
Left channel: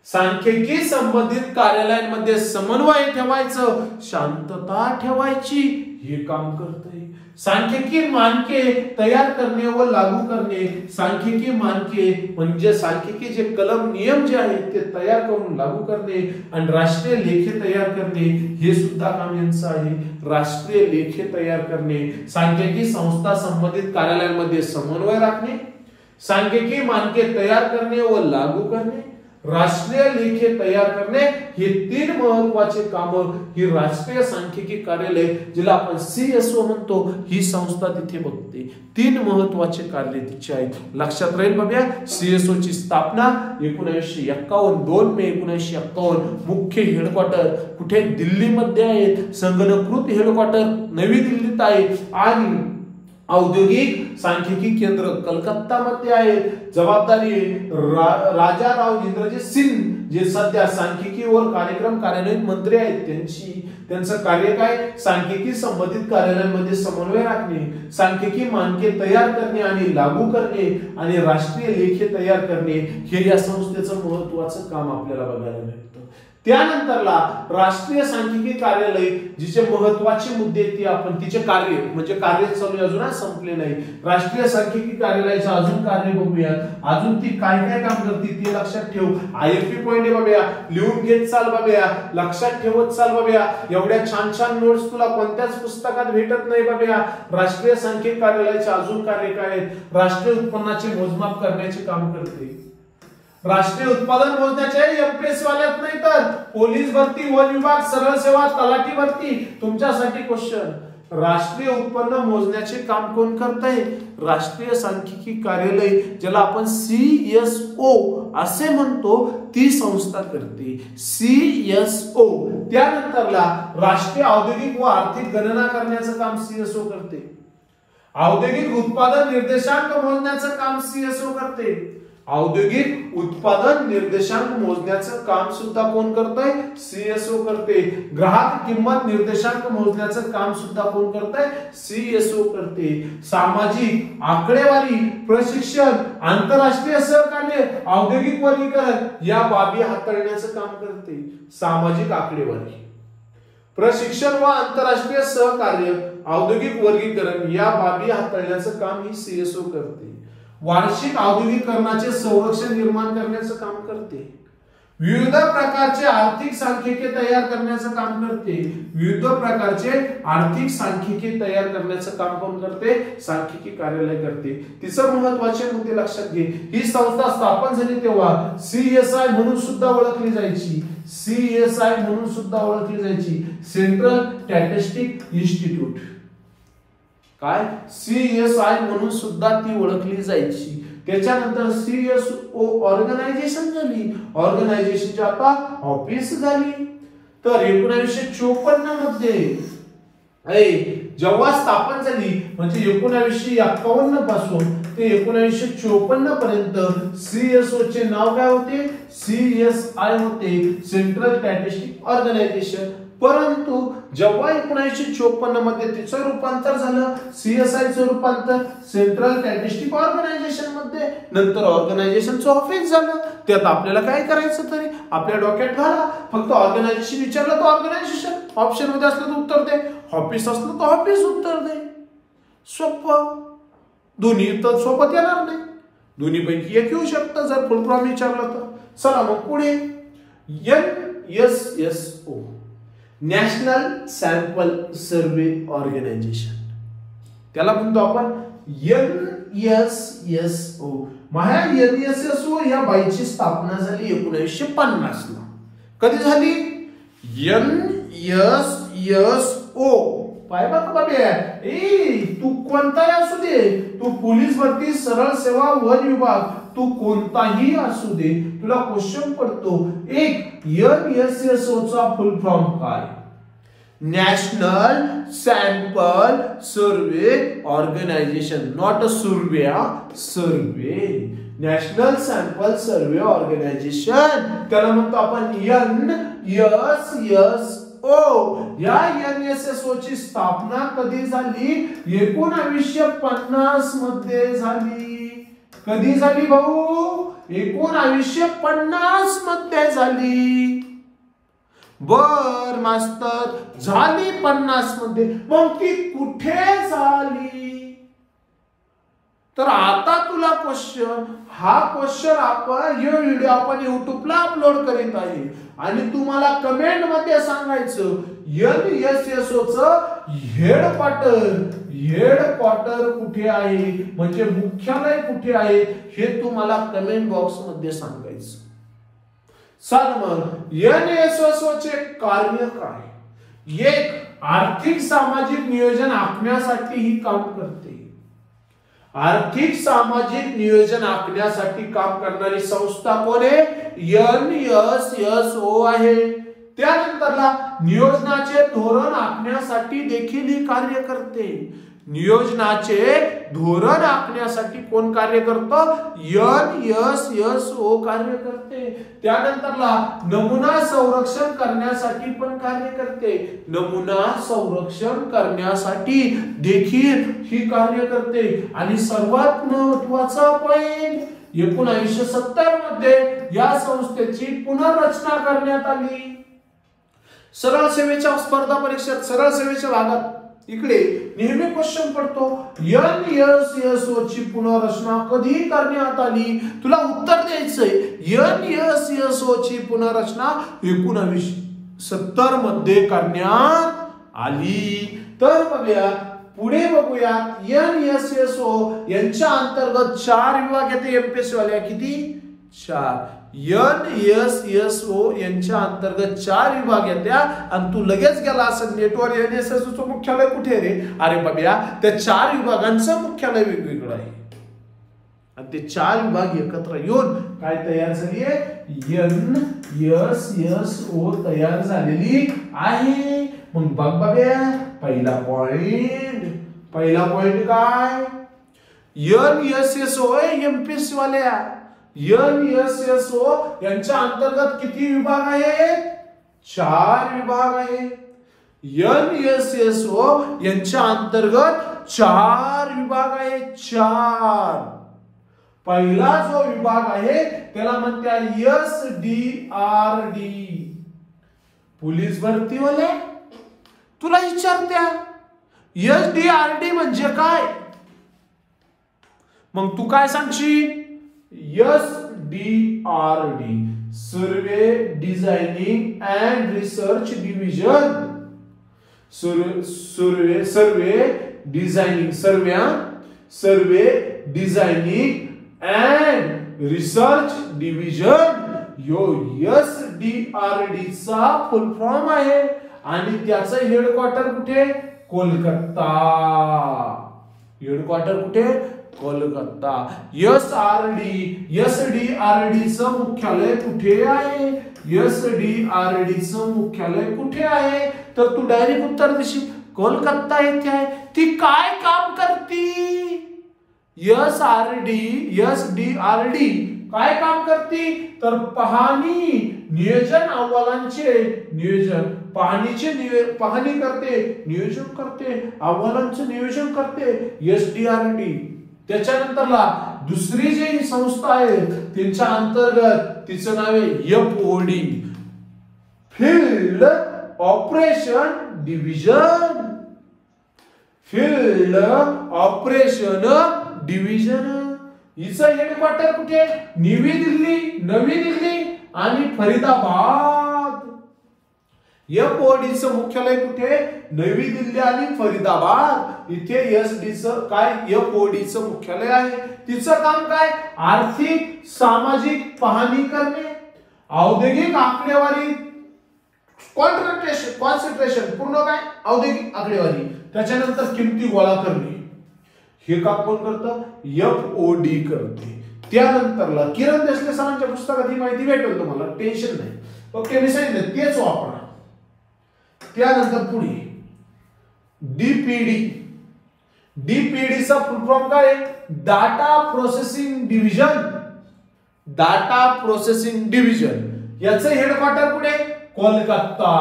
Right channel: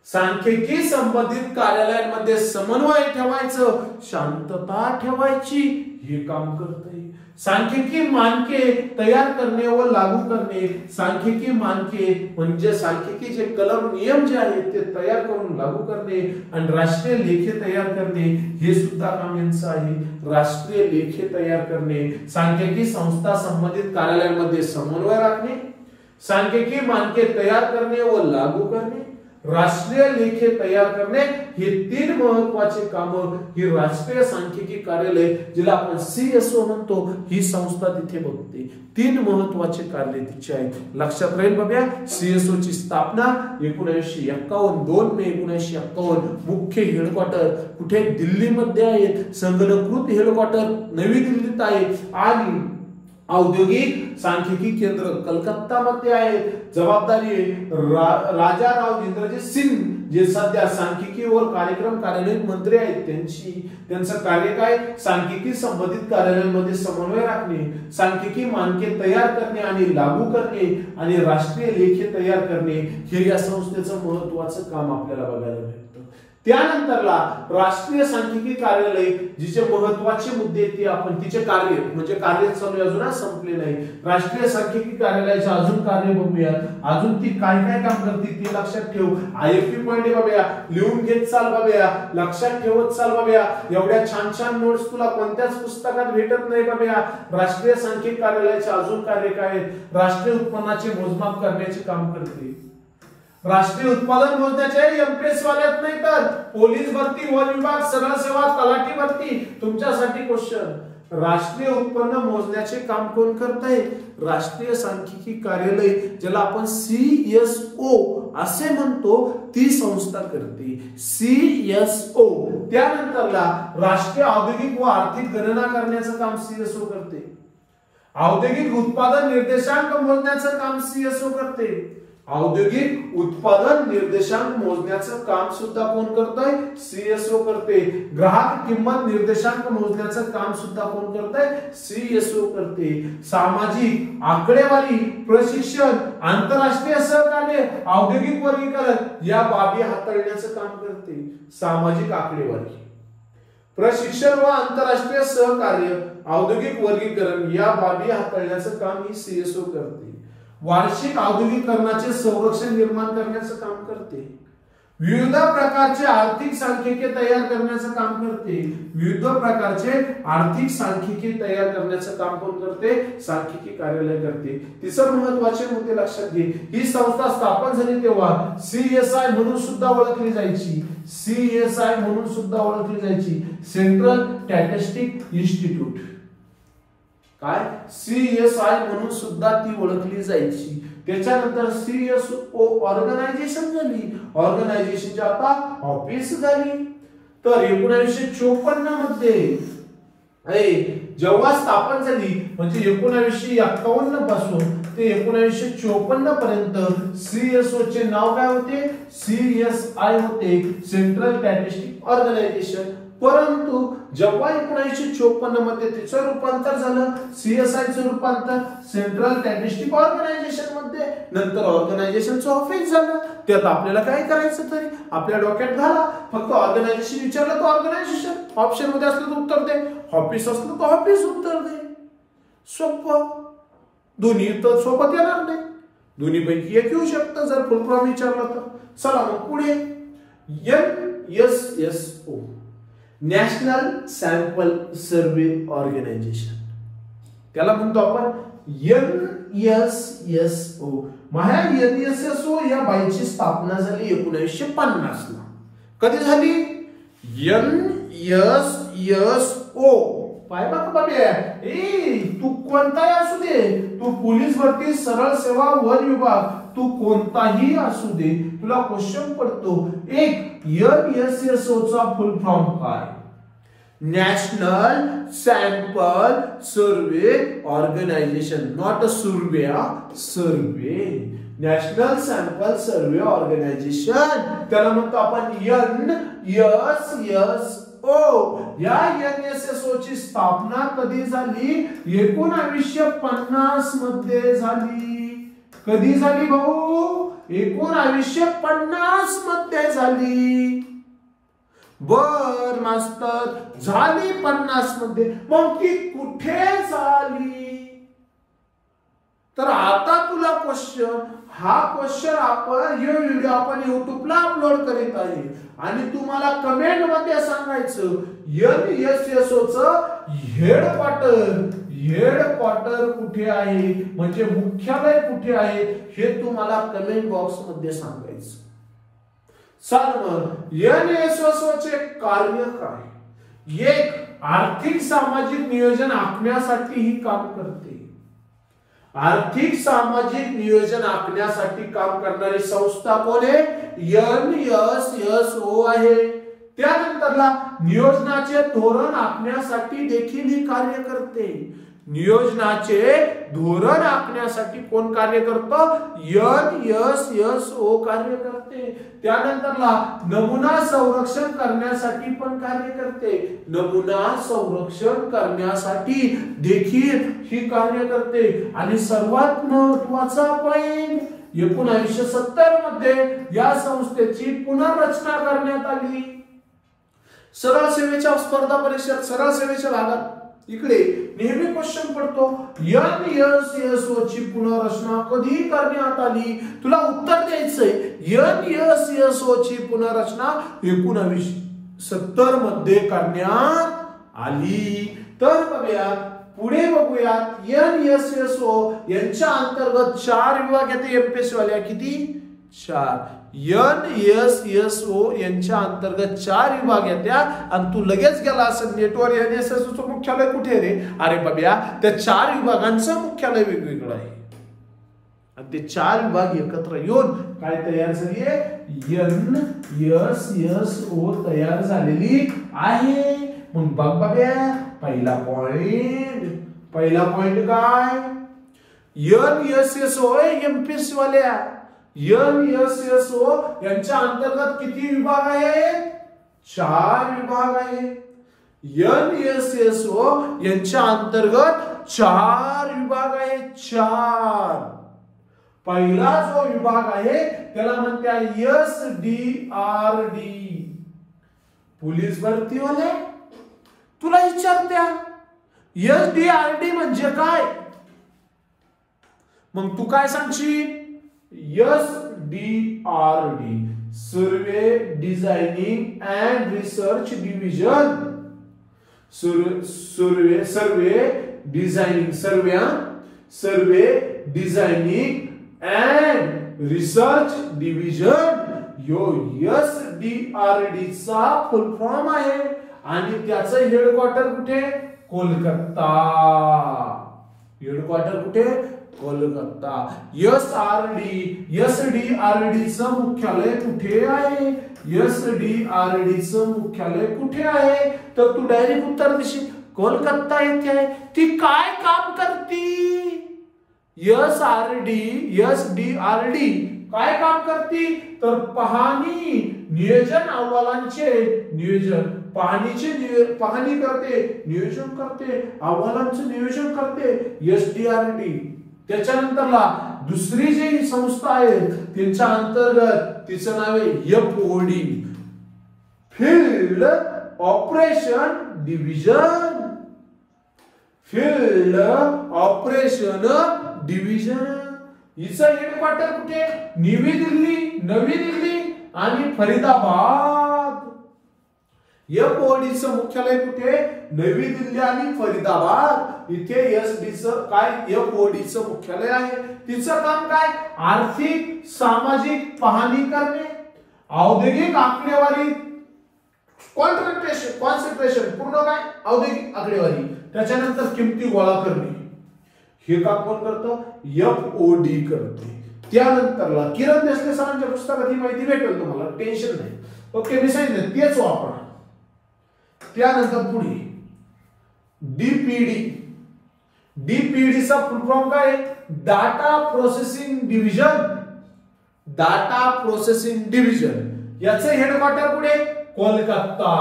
सांख्यिकी संबंधित कार्यालयांमध्ये समन्वय ठेवायचं, शांतता ठेवायची हे काम करते. सांख्यिकी मानके तयार करणे व लागू करणे. सांख्यिकी मानके म्हणजे सांख्यिकी जे कलम नियम जे आहेत ते तयार करून लागू करणे आणि राष्ट्रीय लेखे तयार करणे हे सुद्धा काम यांचं आहे. राष्ट्रीय लेखे तयार करणे, सांख्यिकी संस्था संबंधित कार्यालयांमध्ये समन्वय राखणे, सांख्यिकी मानके तयार करणे व लागू करणे, राष्ट्रीय लेखे तयार करणे हे 3 महत्वाचे काम ही राष्ट्रीय सांख्यिकी कार्यालय जिला आपण सीएसओ म्हणतो ही संस्था तिथे बघते. 3 महत्वाचे कार्य तिचे आहेत. लक्षात राहील बाबा. सीएसओ ची स्थापना 1951 2 मे 1951. मुख्य हेडक्वार्टर कुठे? दिल्लीमध्ये आहे. संगणकीकृत हेडक्वार्टर नवी दिल्लीत आहे आणि औद्योगिक सांख्यिकी केंद्र कलकत्ता मध्ये आहे. जबाबदारी राजाराव इंद्रजीत सिंग जे सध्या सांख्यिकी व कार्यक्रम कार्यान्वित मंत्री आहेत त्यांची. त्यांचं कार्य काय? सांख्यिकी संबंधित कार्यालयांमध्ये समन्वय राखणे, सांख्यिकी मानके तयार करणे आणि लागू करणे आणि राष्ट्रीय लेखे तयार करणे हे या संस्थेचं महत्वाचं काम आपल्याला बघायला मिळतं. त्यानंतरला राष्ट्रीय सांख्यिकी कार्यालय, जिचे महत्वाचे मुद्दे ते आपण तिचे कार्य म्हणजे कार्य चालू अजून संपले नाही. राष्ट्रीय सांख्यिकी कार्यालयाचे अजून कार्य बघूया. अजून ती काय काय काम करते ते लक्षात ठेव. आयएफपी पॉइंट बघूया, लिहून घेत चाल बघूया, लक्षात ठेवत चाल बघूया. एवढ्या छान छान नोट्स तुला कोणत्याच पुस्तकात भेटत नाही बघूया. राष्ट्रीय सांख्यिकी कार्यालयाचे अजून कार्य काय आहेत? राष्ट्रीय उत्पन्नाचे मोजमाप करण्याचे काम करते. राष्ट्रीय उत्पादन मोजण्याचे एमपीएससी वाल्यात नाही तर पोलीस भरती, वन विभाग, सरळ सेवा, तलाठी भरती तुमच्यासाठी क्वेश्चन. राष्ट्रीय उत्पन्न मोजण्याचे काम कोण करत आहे? राष्ट्रीय सांख्यिकी कार्यालय, ज्याला आपण सीएसओ असे म्हणतो, ती संस्था करते. सीएसओ. त्यानंतरला राष्ट्रीय औद्योगिक व आर्थिक गणना करण्याचं काम सीएसओ करते. औद्योगिक उत्पादन निर्देशांक मोजण्याचं काम सीएसओ करते. औद्योगिक उत्पादन निर्देशांक मोजण्याचं काम सुद्धा कोण करतोय? सीएसओ करते. ग्राहक किंमत निर्देशांक मोजण्याचं काम सुद्धा कोण करतोय? सीएसओ करते. सामाजिक आकडेवारी, प्रशिक्षण, आंतरराष्ट्रीय सहकार्य, औद्योगिक वर्गीकरण या बाबी हाताळण्याचं काम करते. सामाजिक आकडेवारी, प्रशिक्षण व आंतरराष्ट्रीय सहकार्य, औद्योगिक वर्गीकरण या बाबी हाताळण्याचं काम ही सीएसओ करते. वार्षिक औद्योगिकरणाचे संरक्षण निर्माण करण्याचं काम करते. विविध प्रकारचे आर्थिक सांख्यिकी तयार करण्याचं काम करते. विविध प्रकारचे आर्थिक सांख्यिकी तयार करण्याचं काम कोण करते? सांख्यिकी कार्यालय करते. तिसरं महत्वाचे मुद्दे लक्षात घे. ही संस्था स्थापन झाली तेव्हा सीएसआय म्हणून सुद्धा ओळखली जायची. सीएसआय म्हणून सुद्धा ओळखली जायची. Central statistic institute. काय? सीएसआय म्हणून सुद्धा ती ओळखली जायची. त्याच्यानंतर सीएसओ ऑर्गनायझेशन झाली. ऑर्गनायझेशनची आता ऑफिस झाली. तर 1954 मध्ये जेव्हा स्थापन झाली म्हणजे 1951 पासून ते 1954 पर्यंत सीएसओ चे नाव काय होते? सीएसआय होते, सेंट्रल स्टॅटिस्टिक ऑर्गनायझेशन. परंतु जेव्हा 1954 मध्ये तिचं रूपांतर झालं, सीएसआय चं रूपांतर सेंट्रल स्टॅटिस्टिक ऑर्गनायझेशन मध्ये, नंतर ऑर्गनायझेशनचं ऑफिस झालं. त्यात आपल्याला काय करायचं तरी आपल्या डोक्यात घाला. फक्त ऑर्गनायझेशन विचारलं तर ऑर्गनायझेशन, ऑप्शन मध्ये असलं तर उत्तर दे, ऑफिस असलं तर ऑफिस उत्तर दे. सोपं. दोन्ही तर सोबत येणार नाही, दोन्ही पैकी एक येऊ शकतं जर फुल फॉर्म विचारलं तर. चला मग पुढे. NSSO, national sample survey organisation, त्याला म्हणतो आपण NSSO. NSSO या बाईची स्थापना झाली 1950 ला. कधी झाली? NSSO. पाय बघ बाबा, तू कोणताही असू दे, तू पोलीस भरती, सरळ सेवा, वन विभाग, तू कोणताही असू दे, तुला क्वेश्चन पडतो. एक NSSO चा फुल फॉर्म काय? National sample survey organisation. Not a survey, survey. National sample survey organisation, त्याला म्हणतो आपण NSSO. या NSSO ची स्थापना कधी झाली? 1950 मध्ये झाली. कधी झाली भाऊ? 1950 मध्ये झाली. बर मास्तर, झाली 50 मध्ये. मग ती कुठे झाली? तर आता तुला क्वेश्चन, हा क्वेश्चन आपण हे व्हिडिओ आपण युट्यूबला अपलोड करीत आहे आणि तुम्हाला कमेंट मध्ये सांगायचं NSSO चं हेडक्वार्टर कुठे आहे, म्हणजे मुख्यालय कुठे आहे, हे तुम्हाला कमेंट बॉक्स मध्ये सांगायचं. चल मग NSSO चे कार्य काय? एक, आर्थिक सामाजिक नियोजन आखण्यासाठी ही काम करते. आर्थिक सामाजिक नियोजन आखण्यासाठी काम करणारी संस्था कोण आहे? NSSO आहे. त्यानंतरला नियोजनाचे धोरण आखण्यासाठी देखील ही कार्य करते. नियोजनाचे धोरण आखण्यासाठी कोण कार्य करतं? NSSO कार्य करते. त्यानंतरला नमुना संरक्षण करण्यासाठी पण कार्य करते. नमुना संरक्षण करण्यासाठी देखील ही कार्य करते. आणि सर्वात महत्वाचा पॉइंट, 1970 मध्ये या संस्थेची पुनर्रचना करण्यात आली. सरळ सेवेच्या स्पर्धा परीक्षेत सरळ सेवेच्या भागात इकडे नेहमी क्वेश्चन पडतो NSSO ची पुनर्रचना कधी करण्यात आली. तुला उत्तर द्यायचंय NSSO ची पुनर्रचना 1970 मध्ये करण्यात आली. तर बघूया पुढे बघूयात NSSO यांच्या अंतर्गत 4 विभाग येते MPSC वाल्या. किती? 4. NSSO यांच्या अंतर्गत 4 विभाग येतात आणि तू लगेच गेला असं नेटवर NSSO मुख्यालय कुठे रे? अरे बाबा त्या 4 विभागांचं मुख्यालय वेगवेगळं आहे आणि ते 4 विभाग एकत्र येऊन काय तयार झालीये? NSSO तयार झालेली आहे. मग बघ बाबा पहिला पॉइंट काय? NSSO MPSC वाल्या NSSO यांच्या अंतर्गत किती विभाग आहेत? 4 विभाग आहेत. NSSO यांच्या अंतर्गत 4 विभाग आहेत. 4. पहिला जो विभाग आहे त्याला म्हणतात SDRD. पोलीस भरती वाले तुला विचारत्या SDRD म्हणजे काय? मग तू काय सांगशील? SDRD survey designing and research division. Survey designing and research division yo SDRD चा फुल फॉर्म आहे आणि त्याचं हेडक्वार्टर कुठे? कोलकाता. हेडक्वार्टर कुठे? कोलकाता. SDRD चं मुख्यालय कुठे आहे? SDRD चं मुख्यालय कुठे आहे? तर तू डायरेक्ट उत्तर देशील कोलकाता येथे आहे. ती काय काम करती? SDRD काय काम करती? तर पाहणी नियोजन अहवालांचे पाहणी करते, नियोजन करते, अहवालांचं नियोजन करते SDRD. त्याच्यानंतरला दुसरी जी संस्था आहे त्यांच्या अंतर्गत तिचं नाव आहे FOD फील्ड ऑपरेशन डिव्हिजन. हिचं हेडक्वार्टर कुठे? नवी दिल्ली आणि फरीदाबाद. FODचं मुख्यालय कुठे? नवी दिल्ली आणि फरीदाबाद. इथे FODचं मुख्यालय आहे. तिचं काम काय? आर्थिक सामाजिक पाहणी करणे, औद्योगिक आकडेवारी कॉन्सन्ट्रेशन पूर्ण काय? औद्योगिक आकडेवारी. त्याच्यानंतर किमती गोळा करणे. हे काम कोण करतं? FOD करते. त्यानंतरला किरण देशले सरांच्या पुस्तकात ही माहिती भेटेल तुम्हाला, टेन्शन नाही. ओके मी सांगितलं तेच वापरा. त्यानंतर पुढे डीपीडीचा फुल फॉर्म काय? Data processing division. याचं हेडक्वार्टर कुठे? कोलकाता.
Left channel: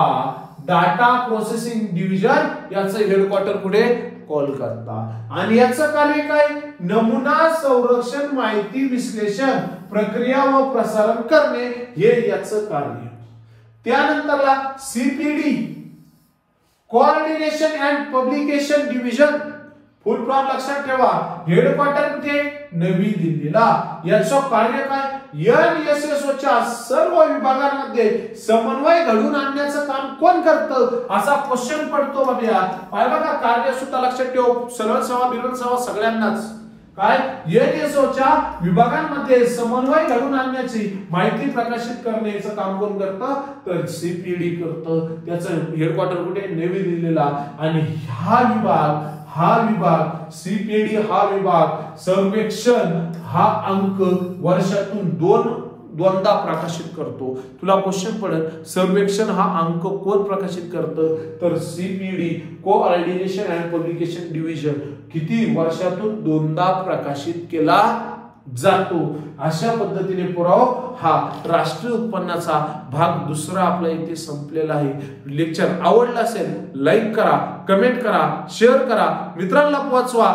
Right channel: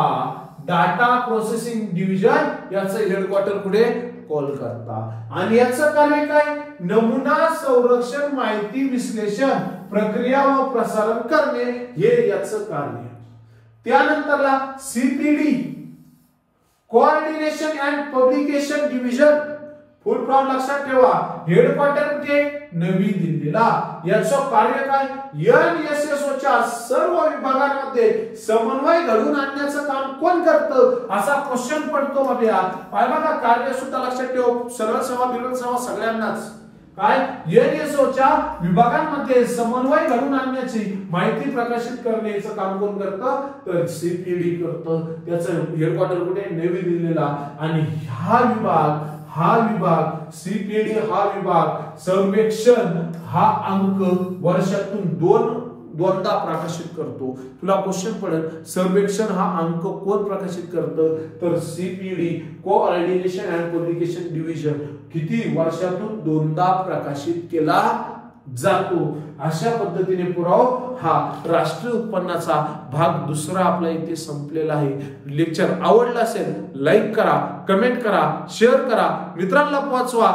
डाटा प्रोसेसिंग डिव्हिजन याचं हेडक्वार्टर कुठे? कोलकाता. आणि याचं कार्य काय? नमुना संरक्षण, माहिती विश्लेषण, प्रक्रिया व प्रसारण करणे हे याचं कार्य. त्यानंतरला CPD coordination and publication division. Full form लक्षात ठेवा. हेडक्वार्टर कुठे? नवी दिल्लीला. याचं कार्य काय? NSSOच्या सर्व विभागांमध्ये समन्वय घडवून आणण्याचं काम कोण करतं असा क्वेश्चन पडतो बाबा. पाहिला का? कार्य सुद्धा लक्षात ठेव. सरळ सेवा विरोध सेवा सगळ्यांनाच काय? NSSOच्या विभागांमध्ये समन्वय घडवून आणण्याची माहिती प्रकाशित करण्याचं काम कोण करतं? तर CPD करतं. त्याचं हेडक्वार्टर कुठे? नवी दिल्लीला. आणि हा विभाग CPD हा विभाग सर्वेक्षण हा अंक वर्षातून दोनदा प्रकाशित करतो. तुला क्वेश्चन पडेल सर्वेक्षण हा अंक कोण प्रकाशित करतं? तर CPD coordination and publication division किती वर्षातून 2दा प्रकाशित केला जातो. अशा पद्धतीने पुरावा हा राष्ट्रीय उत्पन्नाचा भाग 2 आपला इथे संपलेला आहे. लेक्चर आवडला असेल लाईक करा, कमेंट करा, शेअर करा, मित्रांना पोहोचवा.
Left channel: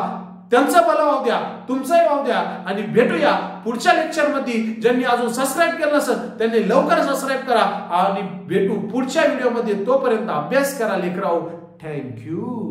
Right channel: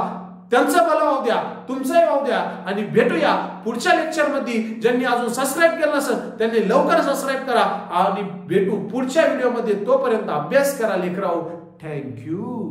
त्यांचं भलं होऊ द्या, तुमचंही होऊ द्या आणि भेटूया पुढच्या लेक्चर मध्ये. ज्यांनी अजून सबस्क्राईब केलं नसेल त्यांनी लवकर सबस्क्राईब करा आणि भेटू पुढच्या व्हिडिओ मध्ये. तोपर्यंत अभ्यास करा लेकराओ. थँक्यू.